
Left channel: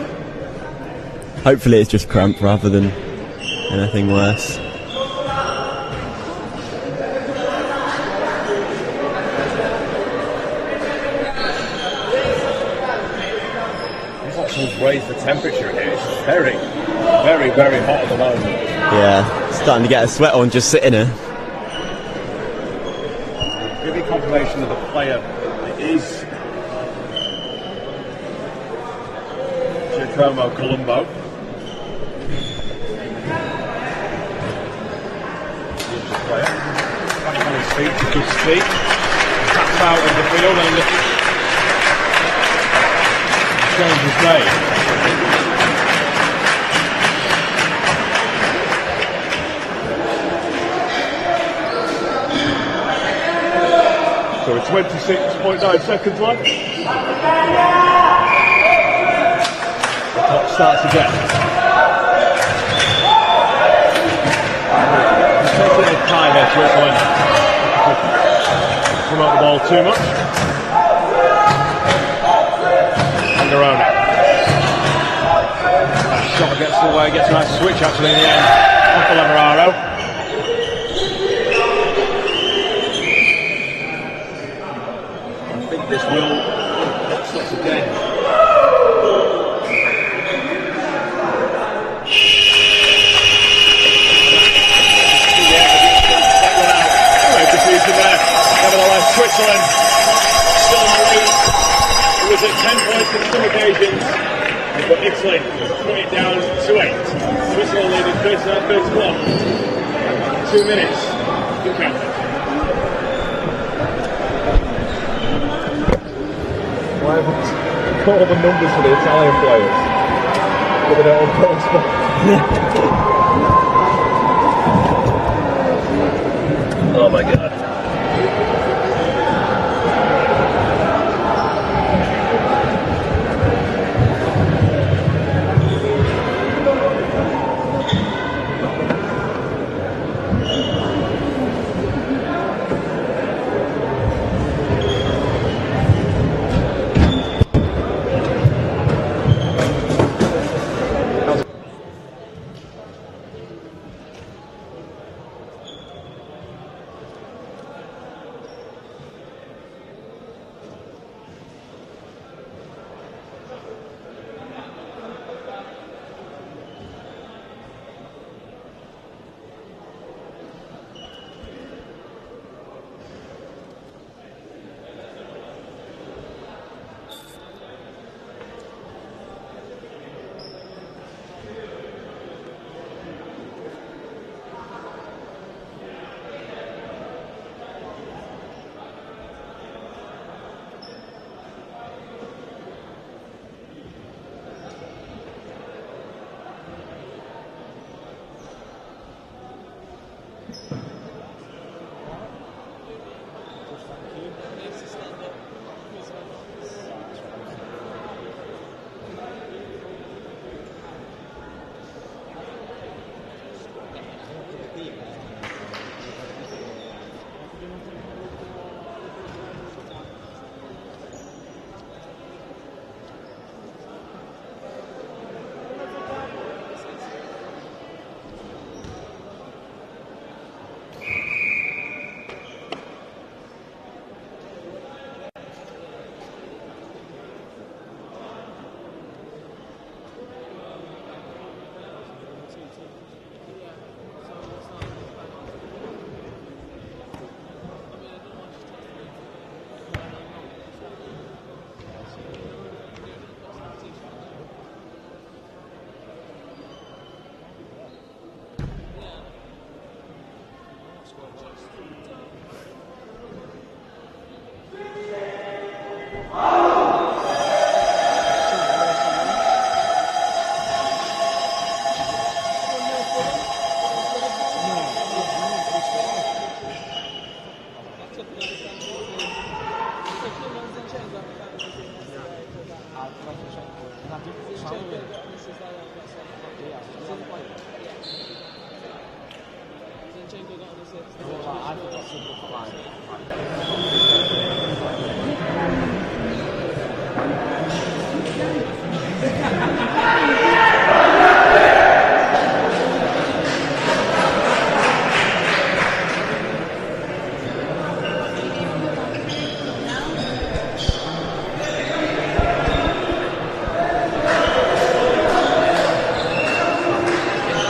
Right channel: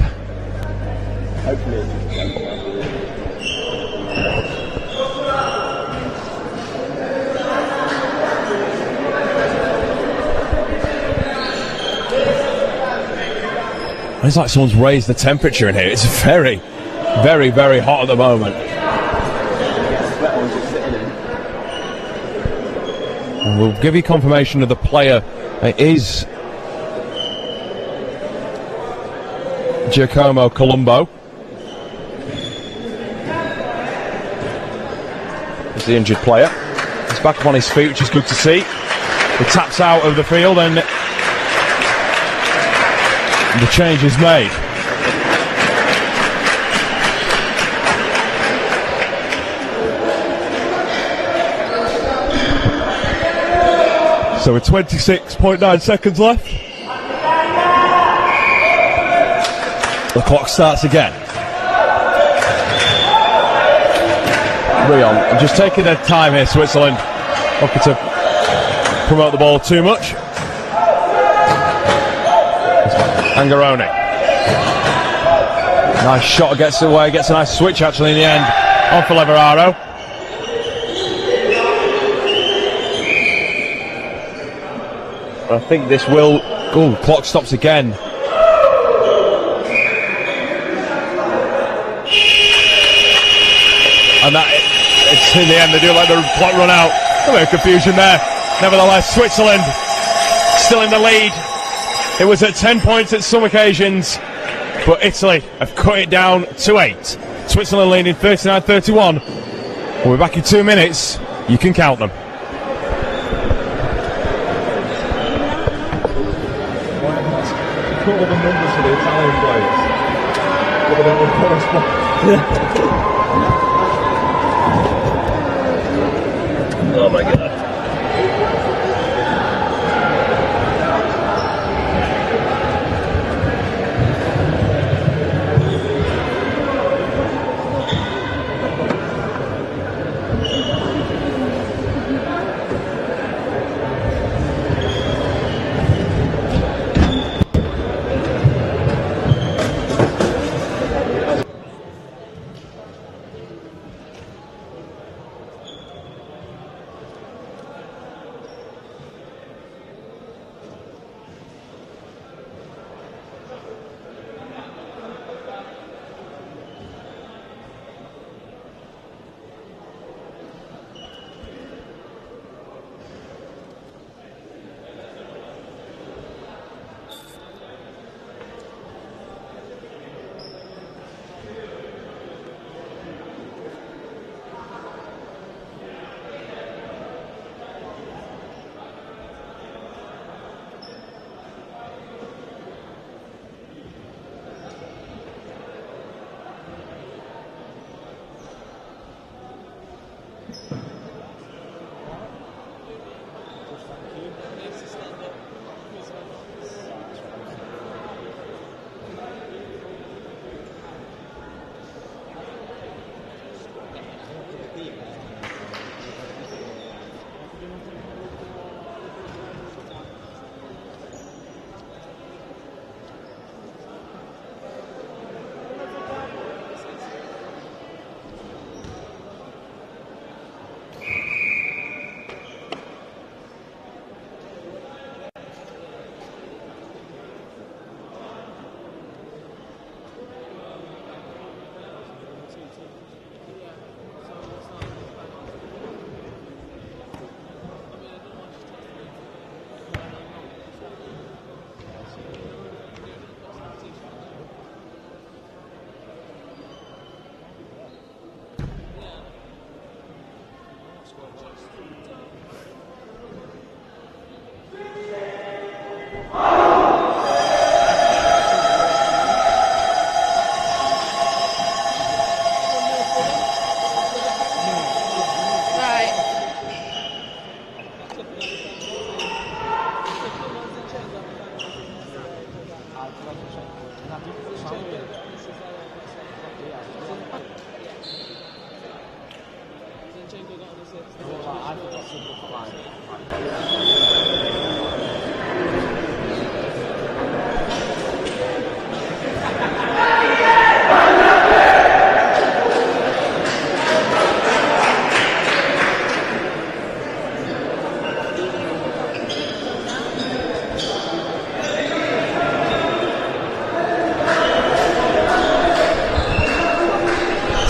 Hopefully it's just cramp rather than anything worse. It's like someone's raised the temperature in here. It's very, very, very hot at the moment. Yeah, starting to get a sweat on just sitting here. And we'll give you confirmation of the player. It is Giacomo Colombo. He's the injured player. He's back up on his feet, which is good to see. He taps out of the field and the change is made. So with 26.9 seconds left, the clock starts again. Rio just taking their time here, Switzerland. Looking to promote the ball too much. Angarona. Nice shot, gets away, gets a nice switch actually in the end. On for Leveraro. I think this will. Oh, clock stops again. And that, it's in the end, they do let the clock run out. A bit of confusion there. Nevertheless, Switzerland still in the lead. It was at 10 points at some occasions, but Italy have cut it down to 8. Switzerland leading 39-31. We're back in 2 minutes. You can count them. Call the numbers for the Italian players. But they don't correspond. Oh my god.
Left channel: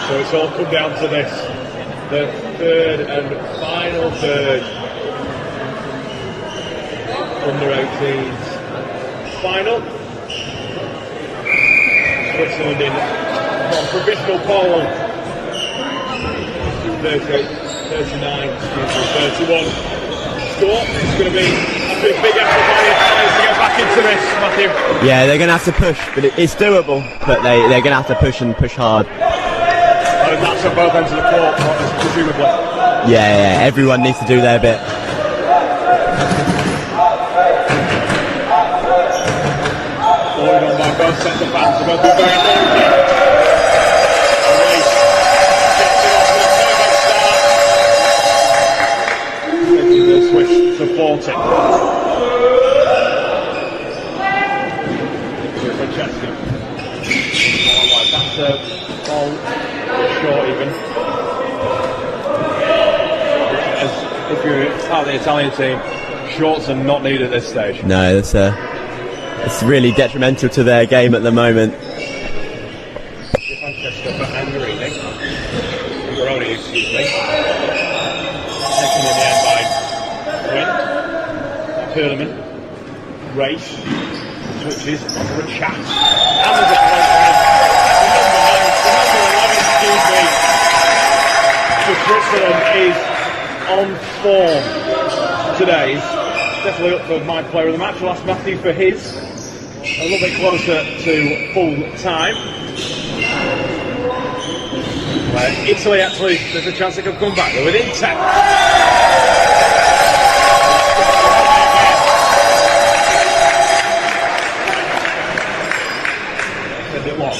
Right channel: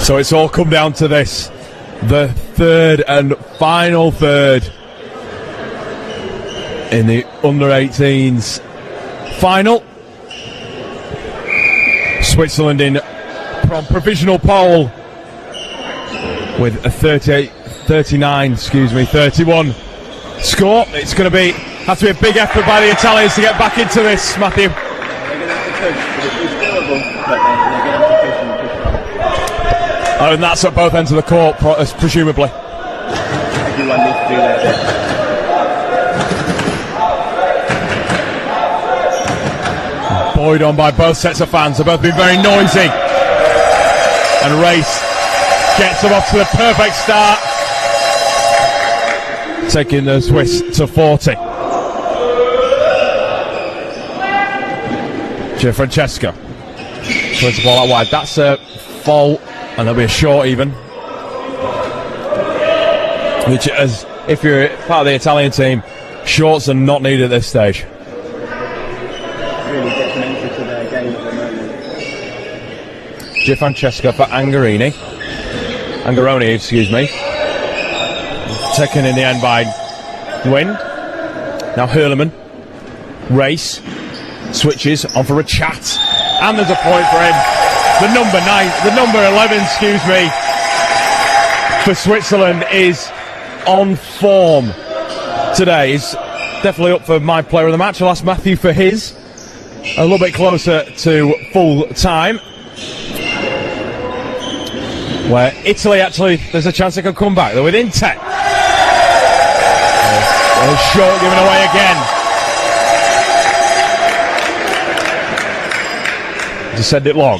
So it's all come down to this, the third and final third in the under-18s final. Switzerland in provisional pole with a 31 score. It's going to have to be a big effort by the Italians to get back into this, Matthew. Yeah, they're going to have to push. It's doable, but they're going to have to push and push hard. And that's at both ends of the court, presumably. Yeah, everyone needs to do their bit. Buoyed on by both sets of fans. They've both been very noisy. And a race gets them off to a perfect start, taking the Swiss to 40. Francesco puts the ball out wide. That's a foul, and there'll be a short even. Which, as if you're part of the Italian team, shorts are not needed at this stage. No, it's really detrimental to their game at the moment. Francesco for Angaroni, excuse me. Taken in the end by Gwyn. Now Hurleman. Race. Switches on for a chat. And there's a point for him. The number 11, for Switzerland is on form today. He's definitely up for my player of the match. I'll ask Matthew for his. A little bit closer to full time, where Italy actually, there's a chance they could come back. They're within 10. And short one away again. To send it long.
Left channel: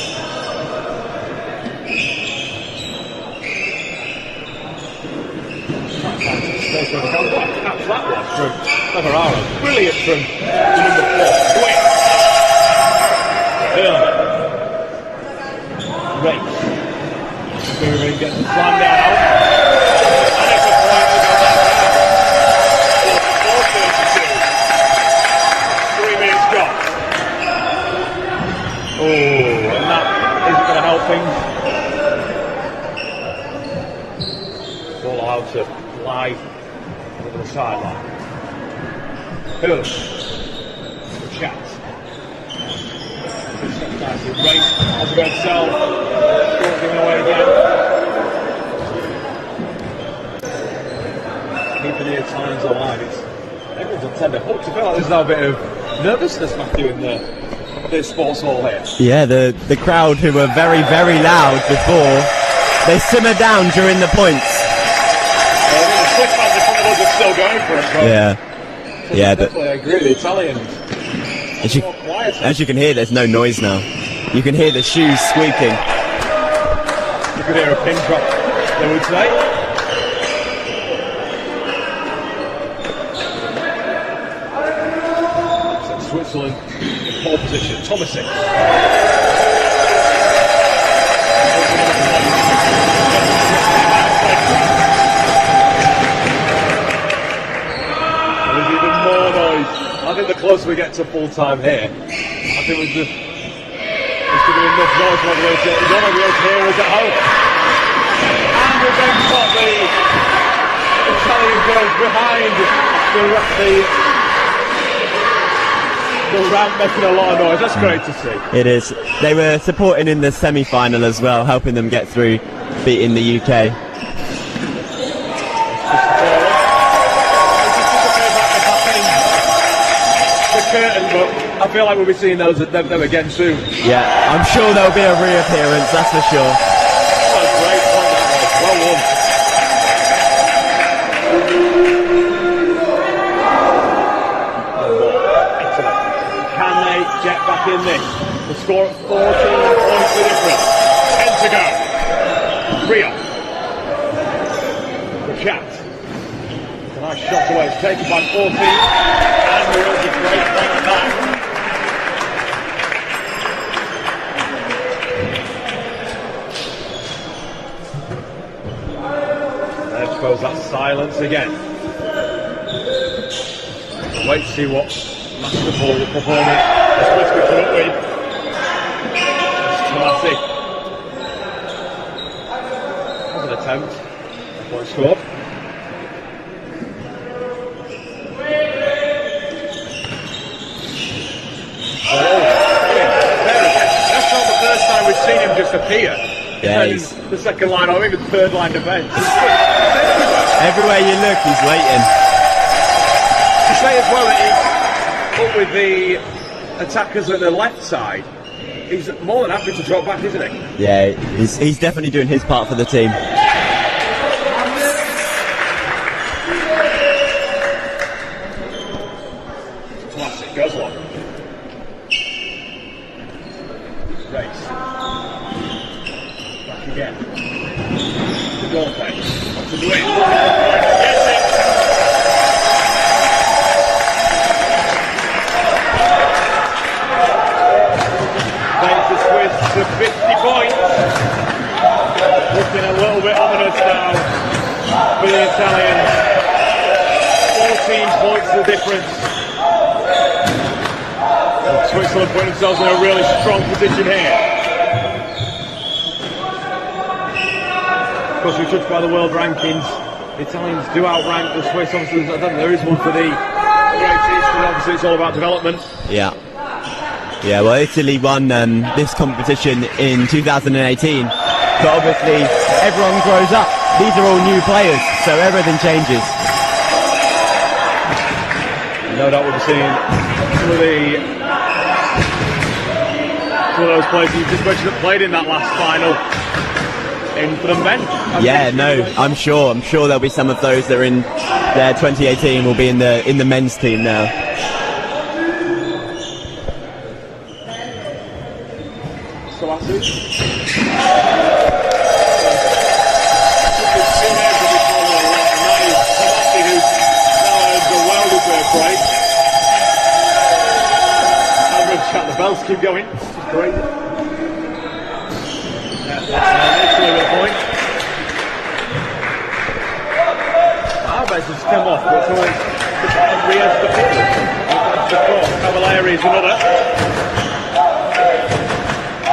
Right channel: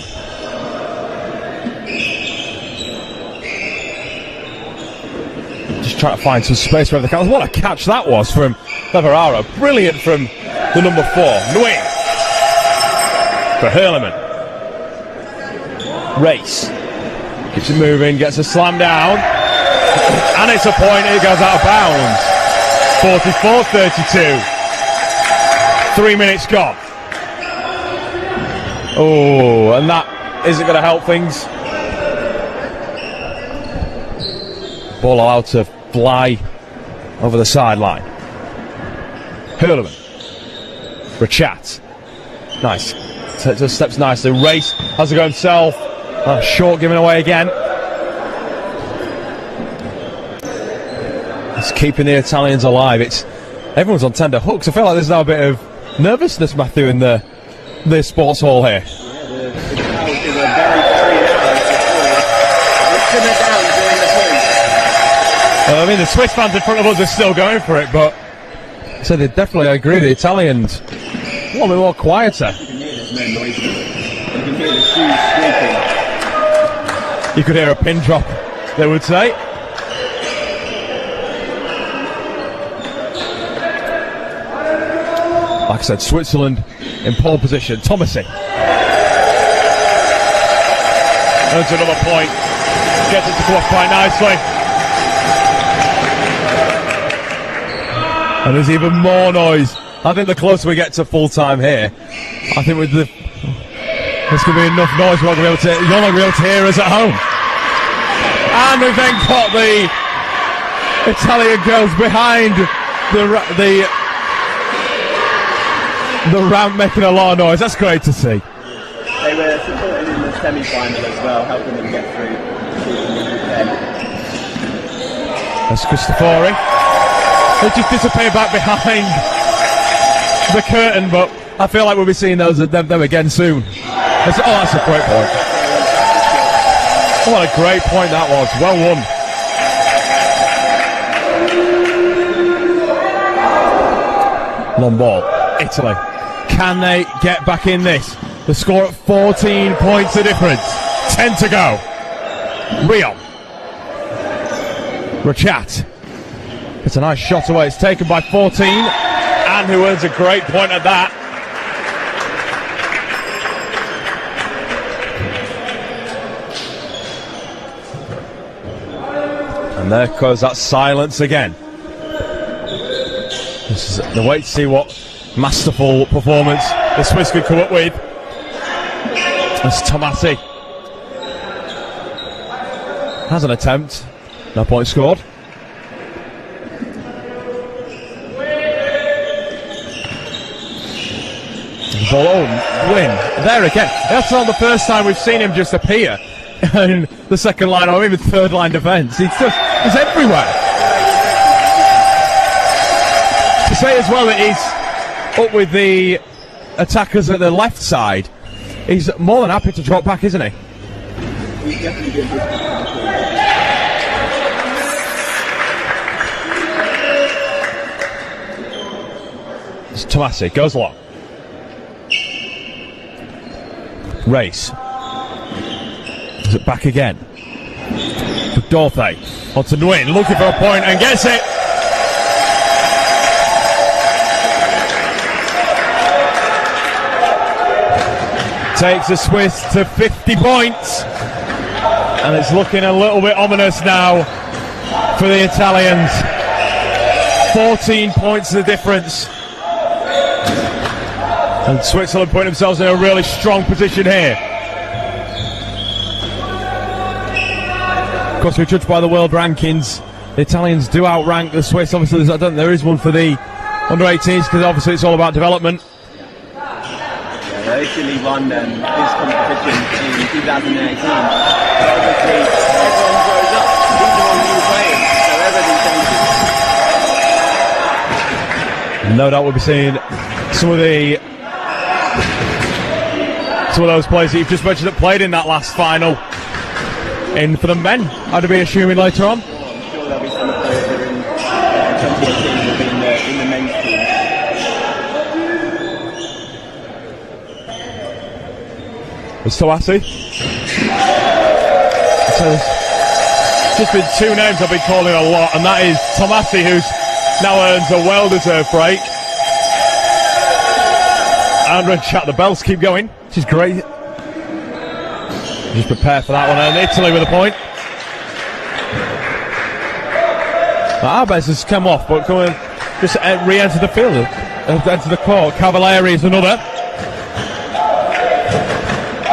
Just trying to find some space where they can. What a catch that was from Lavararo. Brilliant from the number 4. Nguyen. For Hurleman. Race. Keeps it moving, gets a slam down. And it's a point, and it goes out of bounds. 44-32. 3 minutes gone. Oh, and that isn't going to help things. Ball allowed to fly over the sideline. Hurleman. Rachat. Nice. Just steps nicely. Race has to go himself. Short given away again. It's keeping the Italians alive. Everyone's on tender hooks. I feel like there's now a bit of nervousness, Matthew, in the sports hall here. Yeah, the crowd who were very, very loud before, they simmer down during the points. I mean, the Swiss fans in front of us are still going for it, but yeah. So yeah, definitely I agree. The Italians, well, they're all quieter. As you can hear, there's no noise now. You can hear the shoes squeaking. You can hear a pin drop, they would say. Like I said, Switzerland in pole position. Thomasin. There's another point. Gets it quite nicely. And there's even more noise. I think the closer we get to full time here, I think there's going to be enough noise you're not going to be able to hear us at home. And we've then got the Italian girls behind the ramp making a lot of noise. That's great to see. It is. They were supported in the semi-final as well, helping them get through, beating the UK. That's Cristofori. They just disappear back behind the curtain, but I feel like we'll be seeing them again soon. Yeah, I'm sure there'll be a reappearance, that's for sure. What a great point that was. Well won. Long ball. Italy. Can they get back in this? The score at 14 points the difference. 10 to go. Rio. Rachat. It's a nice shot away. It's taken by 14. And who earns a great point at that. And there goes that silence again. This is the wait to see what masterful performance the Swiss could come up with. As Tomasi has an attempt. No point scored. Win. There again. That's not the first time we've seen him just appear in the second line or even third line defence. He's everywhere. Everywhere you look, he's waiting. To say as well that he's up with the attackers at the left side, he's more than happy to drop back, isn't he? Yeah, he's definitely doing his part for the team. It's Tomasi, goes long. Race. Is it back again? Dorfe onto Nguyen, looking for a point and gets it. Takes the Swiss to 50 points. And it's looking a little bit ominous now for the Italians. 14 points the difference. And Switzerland put themselves in a really strong position here. Of course, we judge by the world rankings. The Italians do outrank the Swiss. Obviously, there is one for the under-18s because obviously it's all about development. Yeah. Yeah, well, Italy won this competition in 2018. So obviously, everyone grows up. These are all new players, so everything changes. No doubt we'll be seeing some of those players that you've just mentioned that played in that last final in for the men. I'm sure there'll be some of those that are in 2018 will be in the men's team now. It's Tomasi. Just been two names I've been calling a lot, and that is Tomasi, who's now earns a well-deserved break. And we'll chat, the bells keep going, which is great. Just prepare for that one, and Italy with a point. Arbes has come off, but just re-entered the field, entered the court. Cavalieri is another.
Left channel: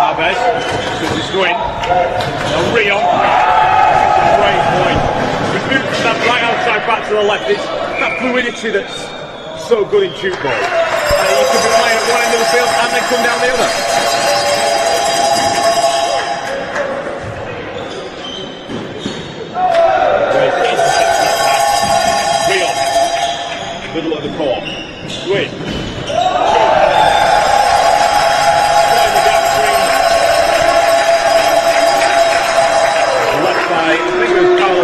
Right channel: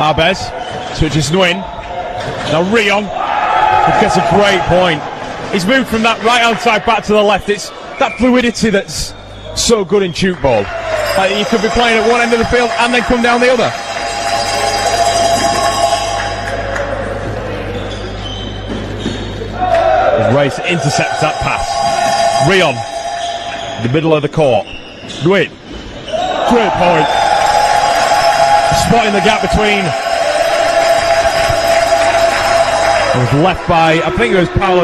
Arbes switches Nguyen. Now Rion gets a great point. He's moved from that right-hand side back to the left. It's that fluidity that's so good in tchoukball. You could be playing at one end of the field and then come down the other. Race intercepts that pass. Rion, the middle of the court. Nguyen, great point. Spotting the gap between. It was left by, I think it was Paolo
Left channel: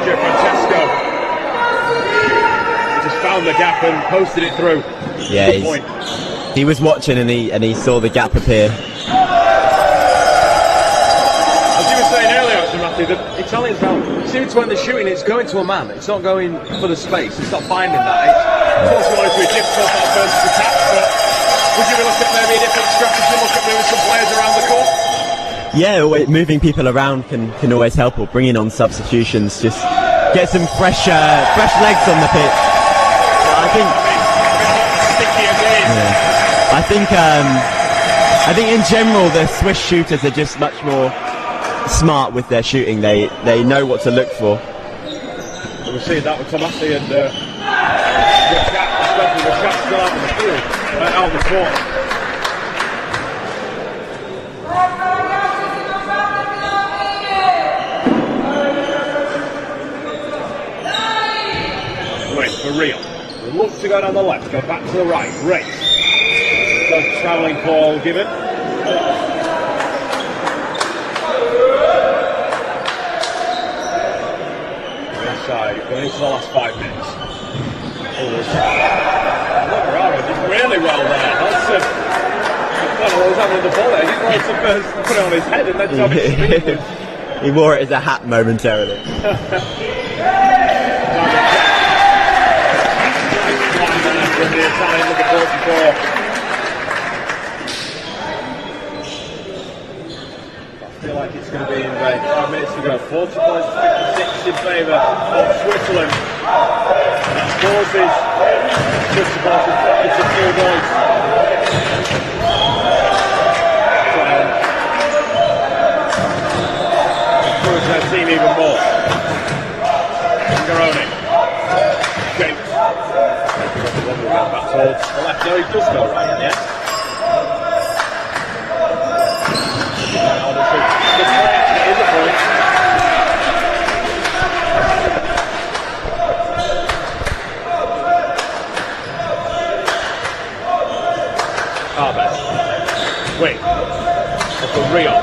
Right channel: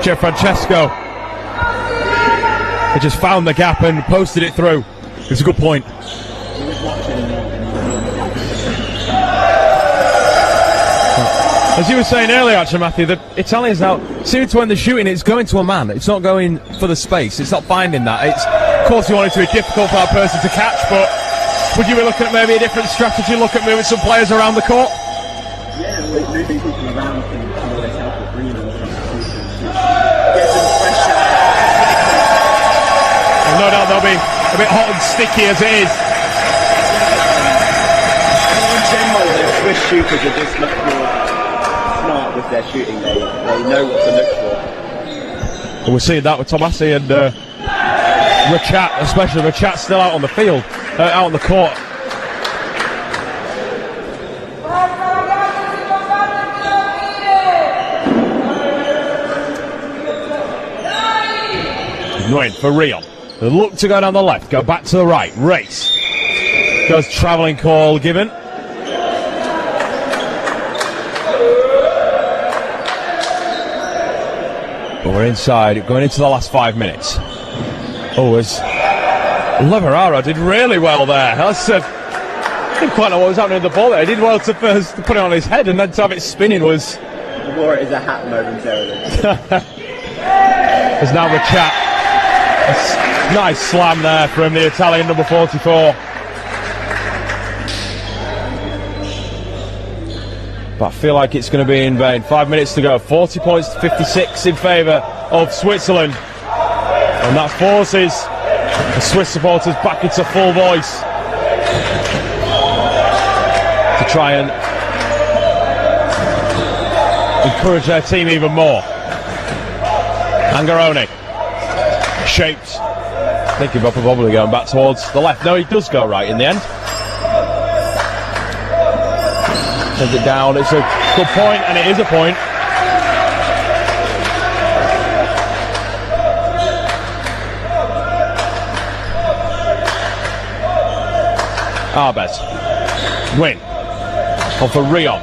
Gianfrancesco. He just found the gap and posted it through. It's a good point. He was watching and he saw the gap appear. As you were saying earlier, actually, Matthew, the Italians now seem to when they're shooting, it's going to a man. It's not going for the space. It's not finding that. Of course, you want it to be difficult for that person to catch, but would you look at maybe a different strategy? Look at moving some players around the court. Yeah, moving people around can always help, or bringing on substitutions. Just get some fresh legs on the pitch. They'll be a bit hot and sticky as it is. Yeah. I think in general the Swiss shooters are just much more smart with their shooting. They know what to look for. Well, we're seeing that with Tomasi and Rachat, especially Rachat still out on the field, out on the court. Right for Rio. They look to go down the left, go back to the right. Race. Does travelling call given. But we're inside, going into the last 5 minutes. Oh, there's Leverara did really well there. I didn't quite know what was happening with the ball there. He did well to first put it on his head, and then to have it spinning was... He wore it as a hat momentarily. There's now the chat. Nice slam there from the Italian number 44. But I feel like it's going to be in vain. 5 minutes to go. 40 points to 56 in favour of Switzerland. And that forces the Swiss supporters back into full voice to try and encourage their team even more. Angaroni. Shaped. Thinking about probably going back towards the left. No, it does go right in the end. Send it down. It's a good point, and it is a point. Arbet. Win. On for Rio.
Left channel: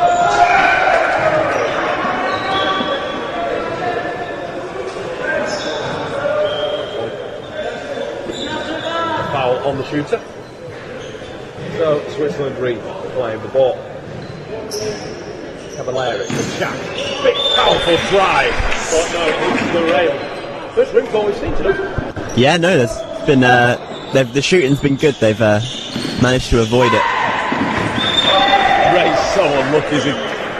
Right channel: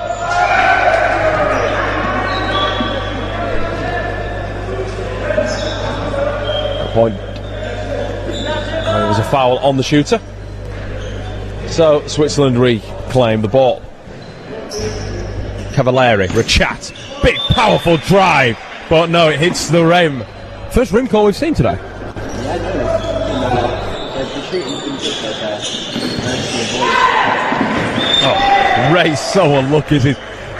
Point. It was a foul on the shooter. So Switzerland reclaim the ball. Cavalieri, Rachat. Big powerful drive. But no, it hits the rim. First rim call we've seen today. Yeah, no, there's been the shooting's been good. They've managed to avoid it. Ray's so unlucky as he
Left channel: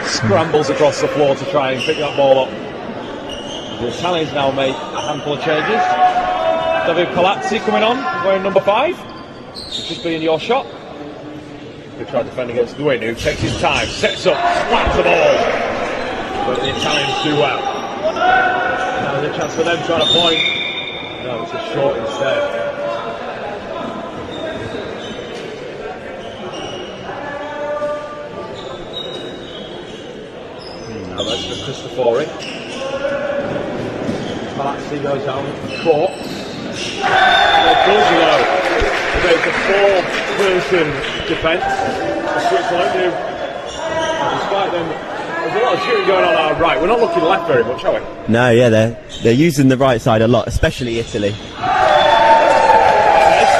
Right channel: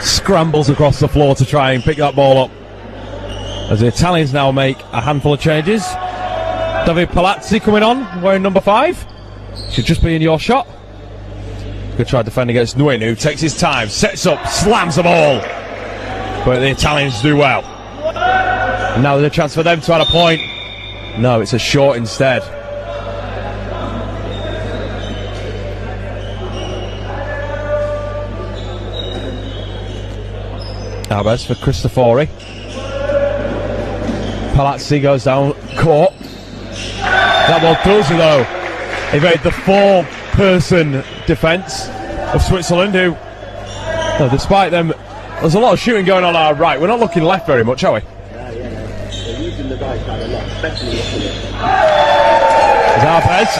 scrambles across the floor to try and pick that ball up. As the Italians now make a handful of changes. David Palazzi coming on, wearing number 5. Should just be in your shot. Good try to defend against Nguyen, who takes his time, sets up, slams the ball. But the Italians do well. And now there's a chance for them to add a point. No, it's a short instead. Alves for Cristofori. Palazzi goes down court. That ball does though evade the 4-person defence of Switzerland, who, well, despite them, there's a lot of shooting going on our right. We're not looking left very much, are we? No, yeah, they're using the right side a lot, especially Italy. Alves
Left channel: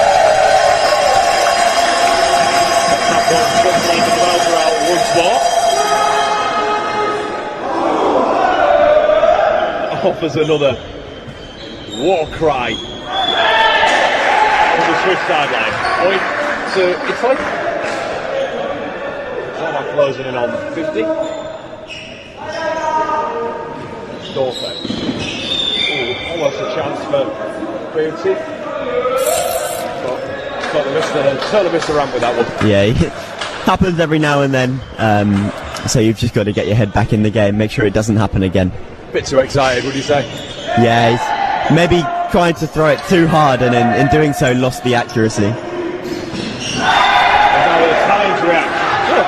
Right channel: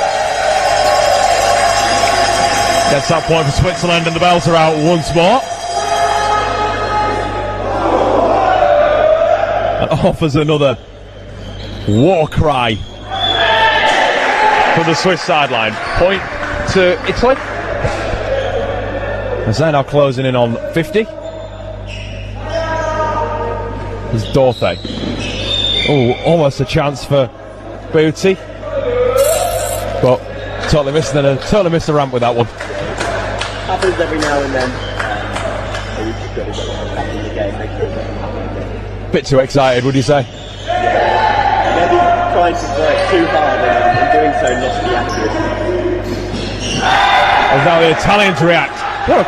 gets that point for Switzerland, and the bells are out once more. Offers another war cry from the Swiss sideline. Point to Italy. As they're now closing in on 50. There's Dorte. Oh, almost a chance for Booty. But totally missed the ramp with that one. Yeah, it happens every now and then. So you've just got to get your head back in the game, make sure it doesn't happen again. Bit too excited, would you say? Yeah, he's maybe trying to throw it too hard and in doing so lost the accuracy. And now the Italians react. Look,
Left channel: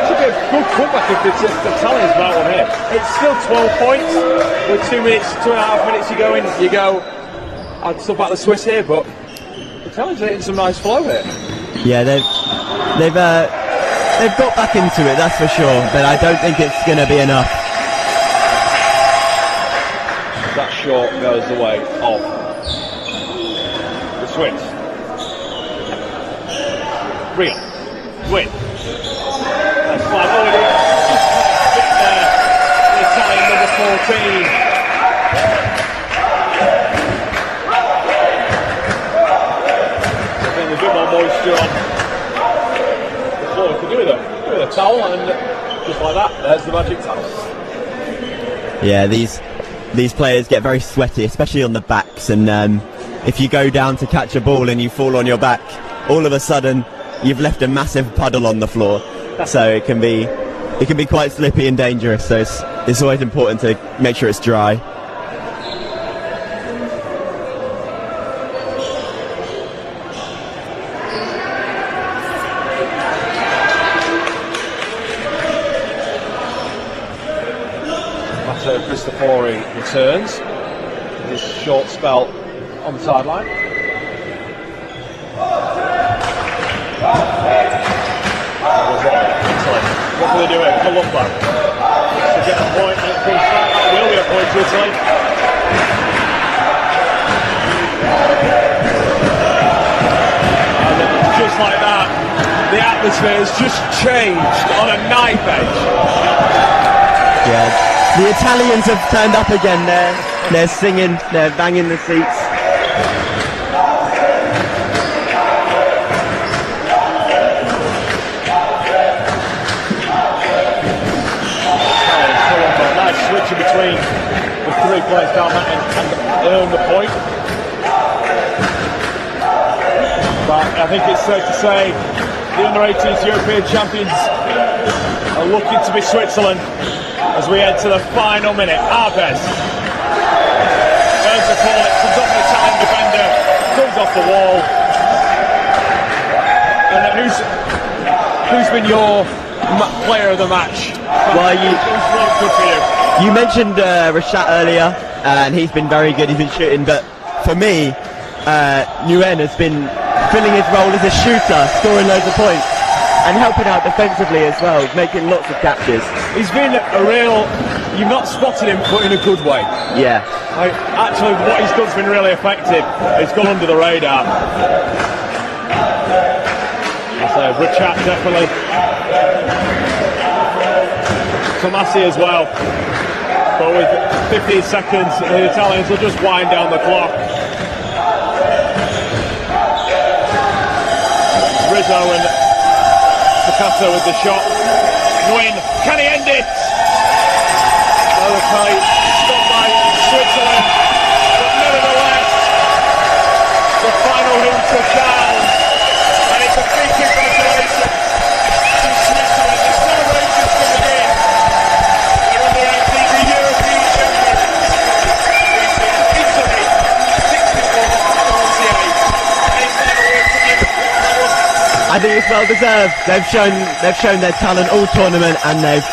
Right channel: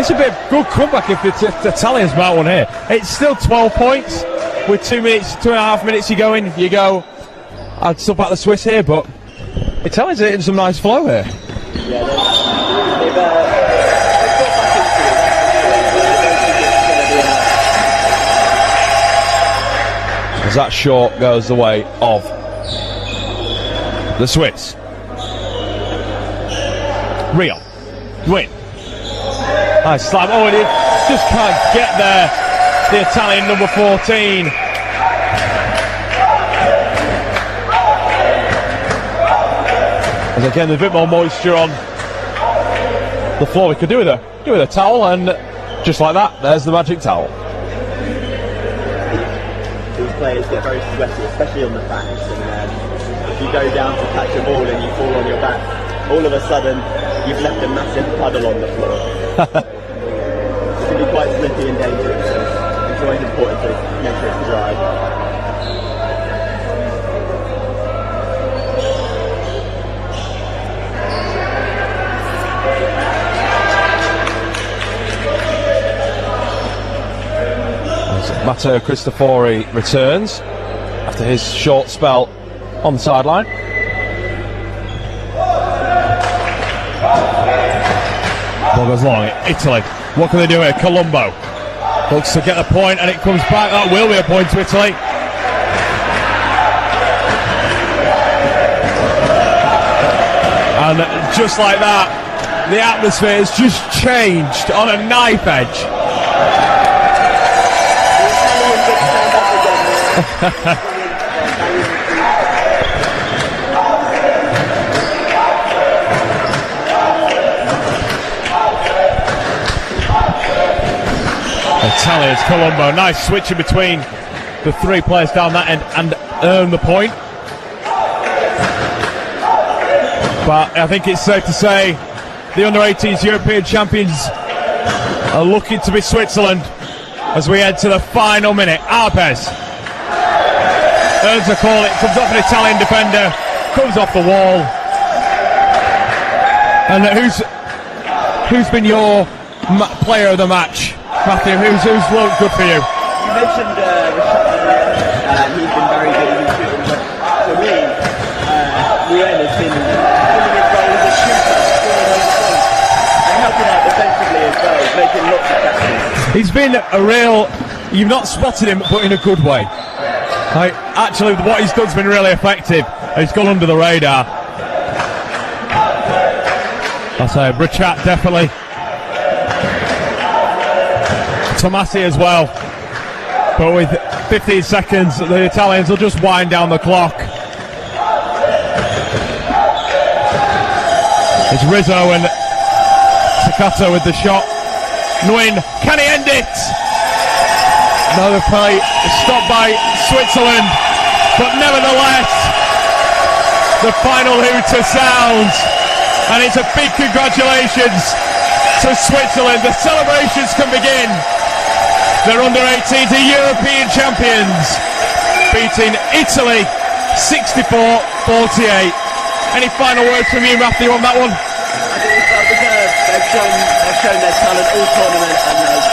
it's a bit of good comeback if the Italians might one here. It's still 12 points with 2.5 minutes you go, I'd still back the Swiss here, but Italians are hitting some nice flow here. Yeah, they've got back into it, that's for sure, but I don't think it's going to be enough. As that short goes the way of the Swiss. Rio. Win. Nice slide. Oh, and he just can't get there. The Italian number 14. And again, a bit more moisture on the floor. He could do with a towel, and just like that, there's the magic towel. Yeah, these players get very sweaty, especially on the backs, and if you go down to catch a ball and you fall on your back, all of a sudden you've left a massive puddle on the floor. So it can be quite slippy and dangerous. So it's always important to make sure it's dry. Matteo Cristofori returns after his short spell on the sideline. Italy, what can they do here? Colombo looks to get a point, and it comes back. That will be a point to Italy. And just like that, the atmosphere has just changed on a knife edge. Yeah. The Italians have turned up again. They're singing, they're banging the feet. Italians, Colombo, nice switch in between the 3 players down that end and earn the point. But I think it's safe to say the under-18s European champions are looking to be Switzerland. as we head to the final minute. Arpes earns a call, it comes off an Italian defender, comes off the wall. And who's been your player of the match? Patrick, who's looked good for you? You mentioned Rashad earlier, and he's been very good, he's been shooting, but for me, UN has been filling his role as a shooter, scoring loads of points, and helping out defensively as well, making lots of catches. He's been a real, you've not spotted him, but in a good way. Yeah. Like, actually, what he's done's been really effective. He's gone under the radar. That's a Richard, definitely. Tomasi as well. But with 15 seconds, the Italians will just wind down the clock. It's Rizzo and Takato with the shot. Nguyen, can he end it? Molokai is stopped by Switzerland, but nevertheless, the final hooter sounds, and it's a big congratulations to Switzerland. The celebrations can begin. They're under 18, the European champions, beating Italy 64-48. Any final words from you, Matthew, on that one? I think it's well deserved. They've shown their talent all tournament, and they've